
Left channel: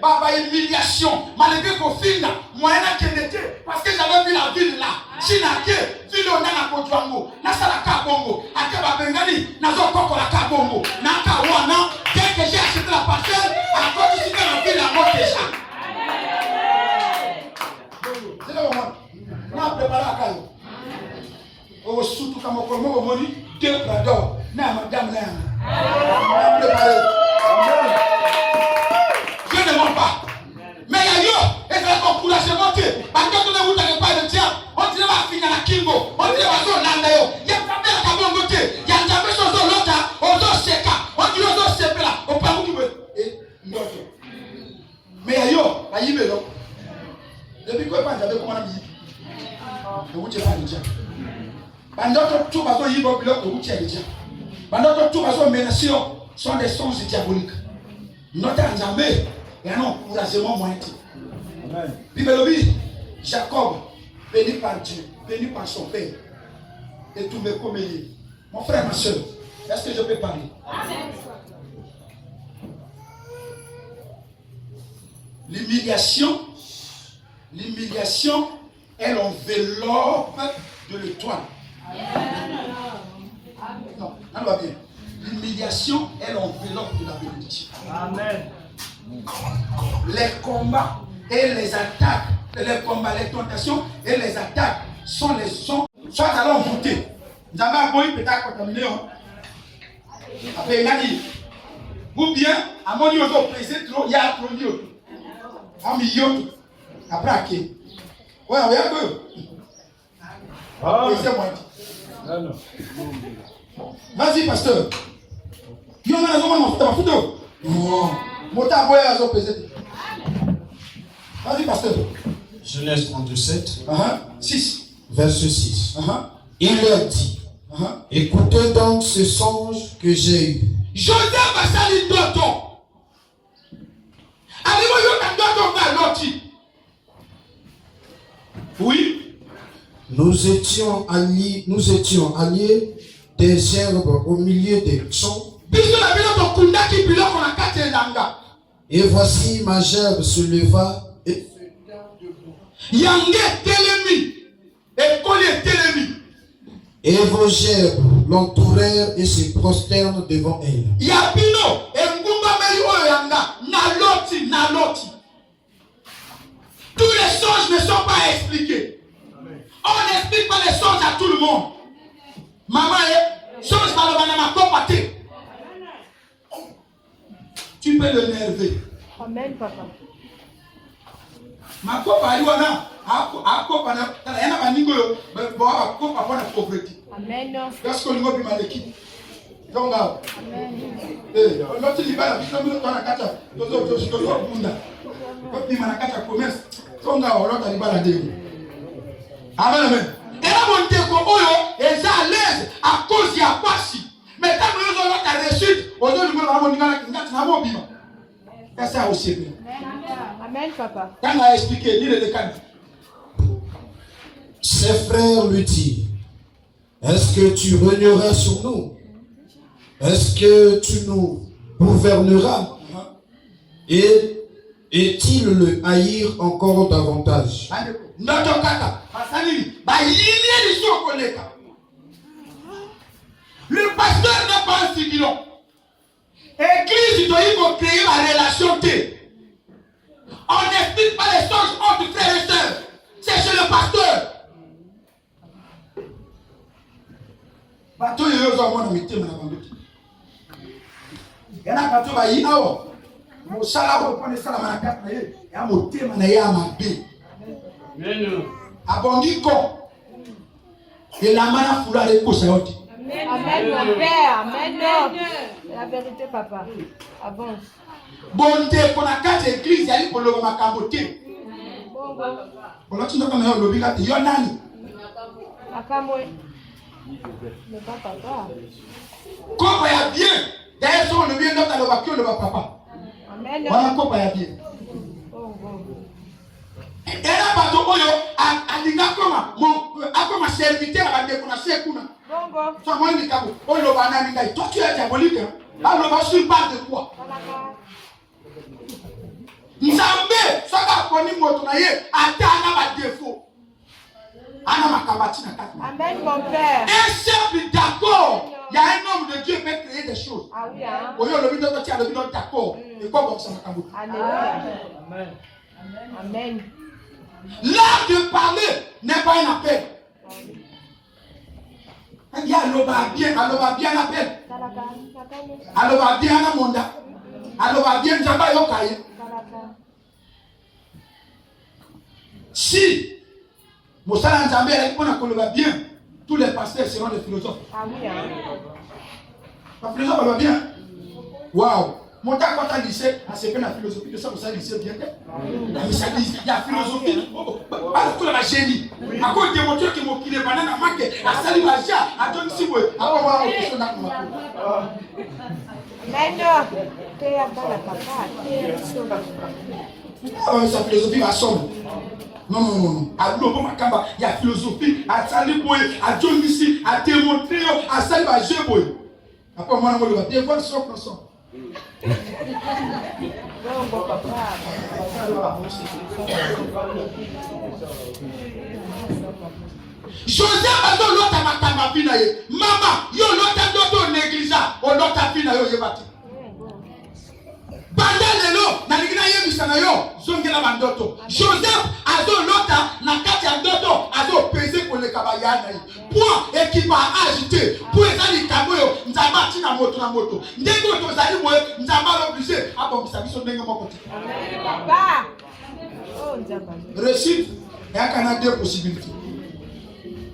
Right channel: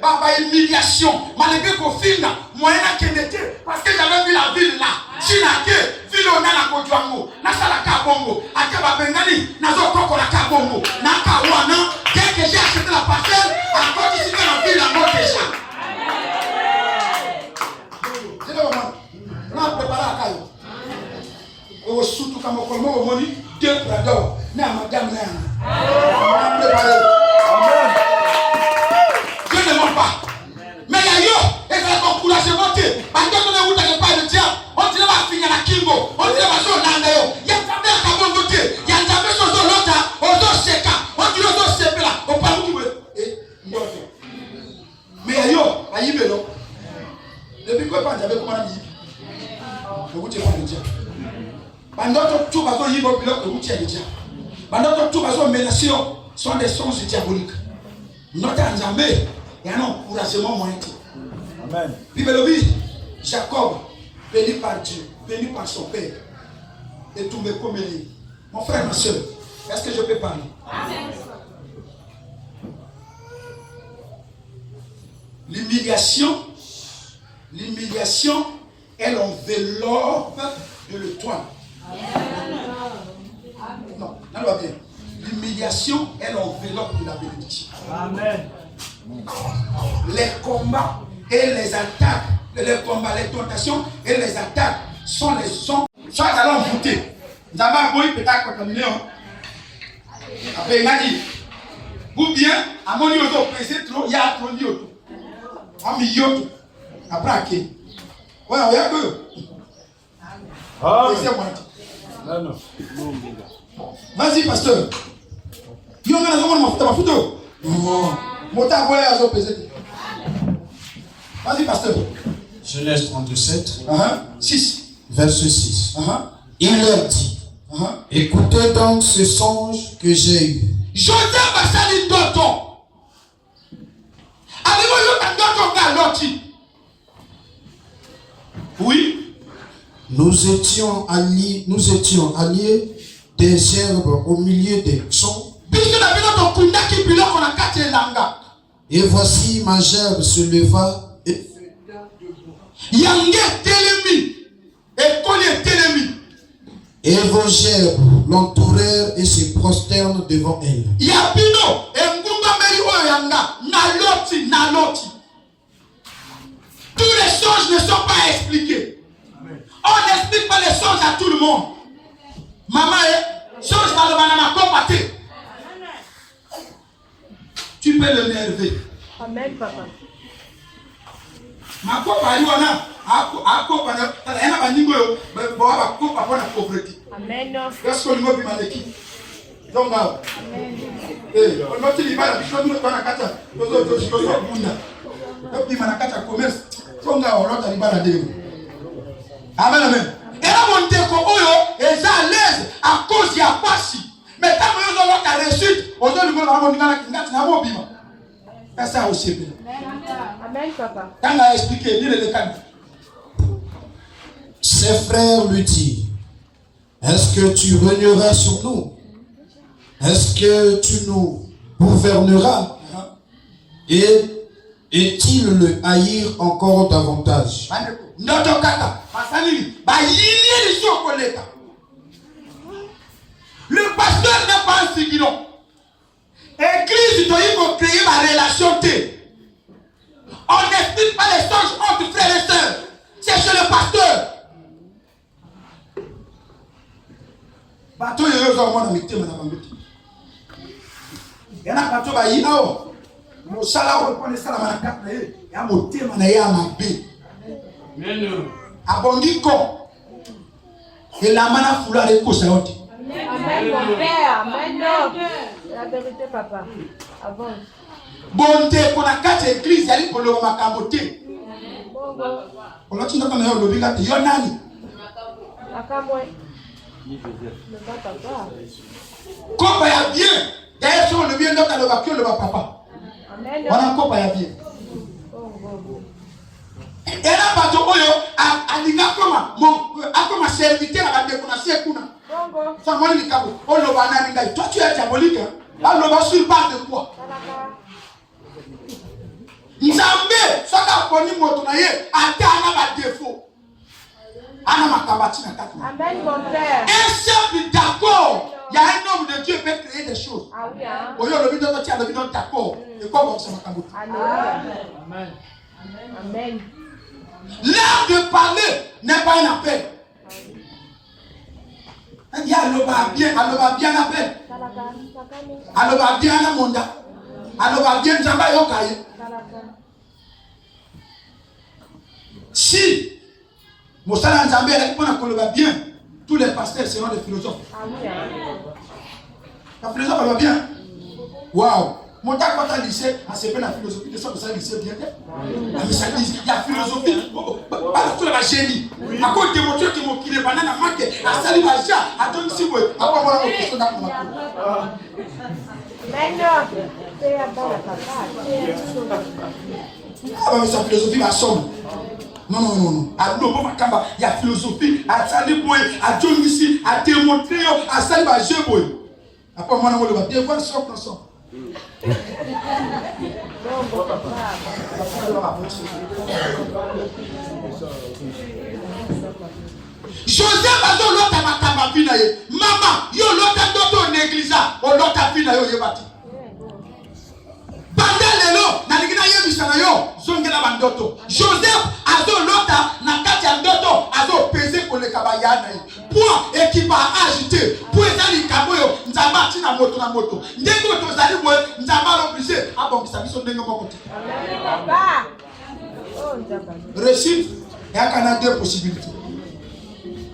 ma humiliation, malgré qu'au film, moyen qu'il était, parce que j'avais vu la ville là, Chinake, ville on a la Kodouango, Nasala Kabongo, Akaba Bengali, Nazo Koko la Kabongo, Nakawana, dès que j'ai acheté la parcelle, à cause ici dans la ville, la mort déjà. C'est là où on a préparé la caille. Surtout quand on a 2 pradors. na madame na. Dieu ne ment pas. Mais il y a yo, et c'est un encouragement. Parce que on ne vous donne pas de diable. On dirait va finir la Kimbo. On dirait va sur l'andayo. Il y a jamais un cabon côté. Il y a jamais sur l'autre. On doit séca. On dit on doit séper là. On parle où et mais yo, aïe mélo. Depuis que pas j'avais comment dire. Je vous dis pas le diable. Pendant que tout va y bloc que vous tiens le diable. Pendant que tout va menacer sont des songes diaboliques. Notre jamais et un encouragement moyen. Amen. Bible dit Jacob, béni par Dieu, béni par son père, et tous mes communis. Mon frère, ma soeur, est-ce que je peux parler? Amen. L'humiliation est l'enveloppe de l'étoile. Non, ça va bien. L'humiliation est l'enveloppe de la bénédiction. Amen. Les combats et les attaques, les combats, les tentations et les attaques sont les sons. Soit allons voûter. Nous avons un peut-être contaminé. Après, il m'a dit, ou bien, à mon niveau, pesé trop, il y a trop de un million. Après, à qui? Ouais, on y a deux. Pesé moins. Non. Vas-y, pasteur. Il y a un photo. Vas-y, pasteur. Genèse 37, 6. Verset 6. Il leur dit, écoutez donc ce songe que j'ai eu. Joseph a sali d'auton. Oui. Nous étions alliés des herbes au milieu des champs. Et voici ma gerbe se leva et et vos gerbes l'entourèrent et se prosternent devant elle. Tous les songes ne sont pas expliqués. On n'explique pas les songes à tout le monde. Maman, songe dans le banana compati. Tu peux le nerver. Amen, papa. Ma copa yona, a copa na, ena baningo yo, boa copa bona pauvreté. Amen. Qu'est-ce que le mot bimaleki? Donc là. Amen. Eh, on note les balles, on note pas la cata, tozo bunda. Donc il m'a la cata commerce. Donc là, on note les balles de. Amen, amen. Et là, on te koboyo, et ça à l'aise à cause y a pas si. Mais quand nous avons la réussite, on doit nous avoir une bima. C'est ça aussi. Amen, papa. Quand on a expliqué, il est le cas. Ses frères lui dirent, est-ce que tu régneras sur nous? Est-ce que tu nous gouverneras? Et-il le haïr encore davantage? Le pasteur n'est pas un figuron. Église doit créer ma relation. On n'explique pas les songes entre frères et sœurs. C'est chez le pasteur. Bateau est aux hommes de il y a un bateau qui est là. Mon salaire, on prend le salaire à la carte. Il y a un thème à ma baie. À Bongiko. Et la mana foula les courses. Amen, mon père. Amen. La vérité, papa. Avance. Bonté, qu'on a quatre églises, il y a pour le macamoté. On a tout le monde le bigat, il y en a. Quand il y a bien, d'ailleurs, si on le vient dans le vacuum, le papa. On a encore pas bien. Et là, bateau, a dit à comment serviteur à découvrir kuna. Ça m'a dit cabo. On le va n'amener. Toi, tu es diabolique. Là, le va sur base de quoi? Nzambe, ça va connaître mon tonaye. Attends, ma défaut. Anna ma kabati na kati. Amen, mon père. Un simple d'accord. Il y a un homme de Dieu qui peut créer des choses. Ah oui, au lieu de le bidon, tu as le bidon d'accord. Et comme ça, ma kaboti. Amen. Amen. L'art de parler n'est pas un appel. Il y a aloba bien la peine. Aloba bien la monda. Aloba bien Zamba yokaye. Si Moussala Nzambé a bien, tous les pasteurs seront des philosophes. La philosophe va bien. Waouh! Mon temps quand tu lycée, à ce la philosophie de ça, vous savez, lycée bien. Mais ça dit, il y a philosophie. Pas tout la génie. À cause de mon Dieu qui m'a quitté, banane à manquer, à salir ma chia, à donner si vous, à pas voir la question dans mon ah, mais sa philosophie va sombre. Non. À l'eau, il y a philosophie, à salir boy, à donner ici, à démontrer, à salir ma jeu boy. Après, moi, on va bien voir son ensemble. Joseph a dit l'autre à ma fille, maman, yo l'autre d'autres négligeant, on l'autre fille yo yebati. Bandalelo, na ligina yebisana yo, zongela bandoto. Joseph a dit l'autre na kati ya ndoto, a dit peser pour le kabayana. Point équipe a agité, pour ezali kaboyo, nzamba tina moto. Ndenge otozali boye, nzamba obligé a bongisa biso ndenge moko te. Réussite, il y a deux possibilités.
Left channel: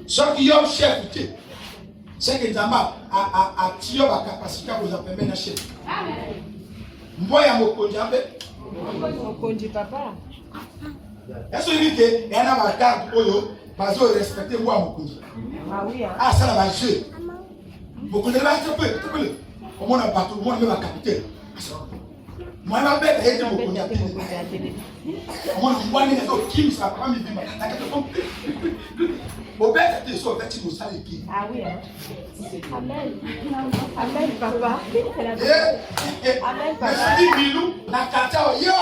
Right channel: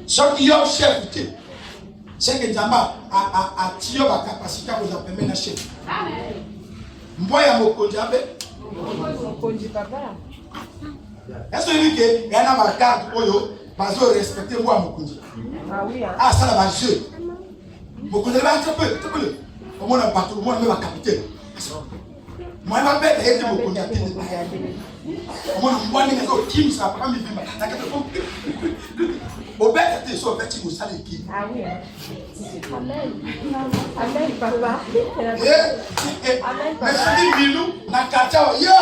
Soit qu'il y a un chef, c'est que Nzamba a tiré la capacité à vous appeler un chef. Mboya mokonzi abe. Mokonzi papa. Est-ce que il y a un carte oyo bazo respecter moi mokonzi. Ah oui. Ah ça là va jeu. Mokonzi va attraper. Au moins un bateau, moi même un capitaine. Moi ma bête a été mokonzi à tenir. Au moins moi ni les autres qui ça pas mi vima. Na kete ko. Au bête était sur petit moussa les qui. Ah oui. Amen papa. Mais ça dit bilou na katia yo.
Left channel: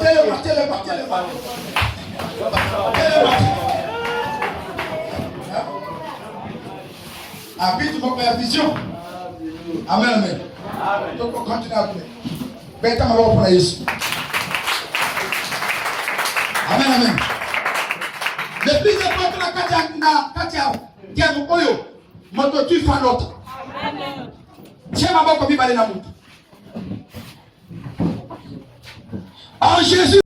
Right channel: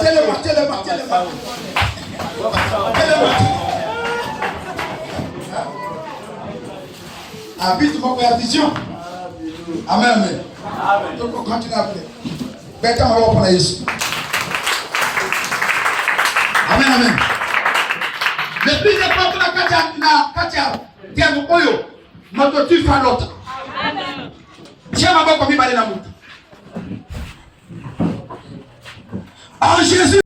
Télé. Habite mon père vision. Amen. Donc on continue à prier. Bête ma pour la Jésus. Amen. Le plus important na katia tiens oyo moto tu fais l'autre. Amen. Tiens ma boko mi balé na mutu. En Jésus.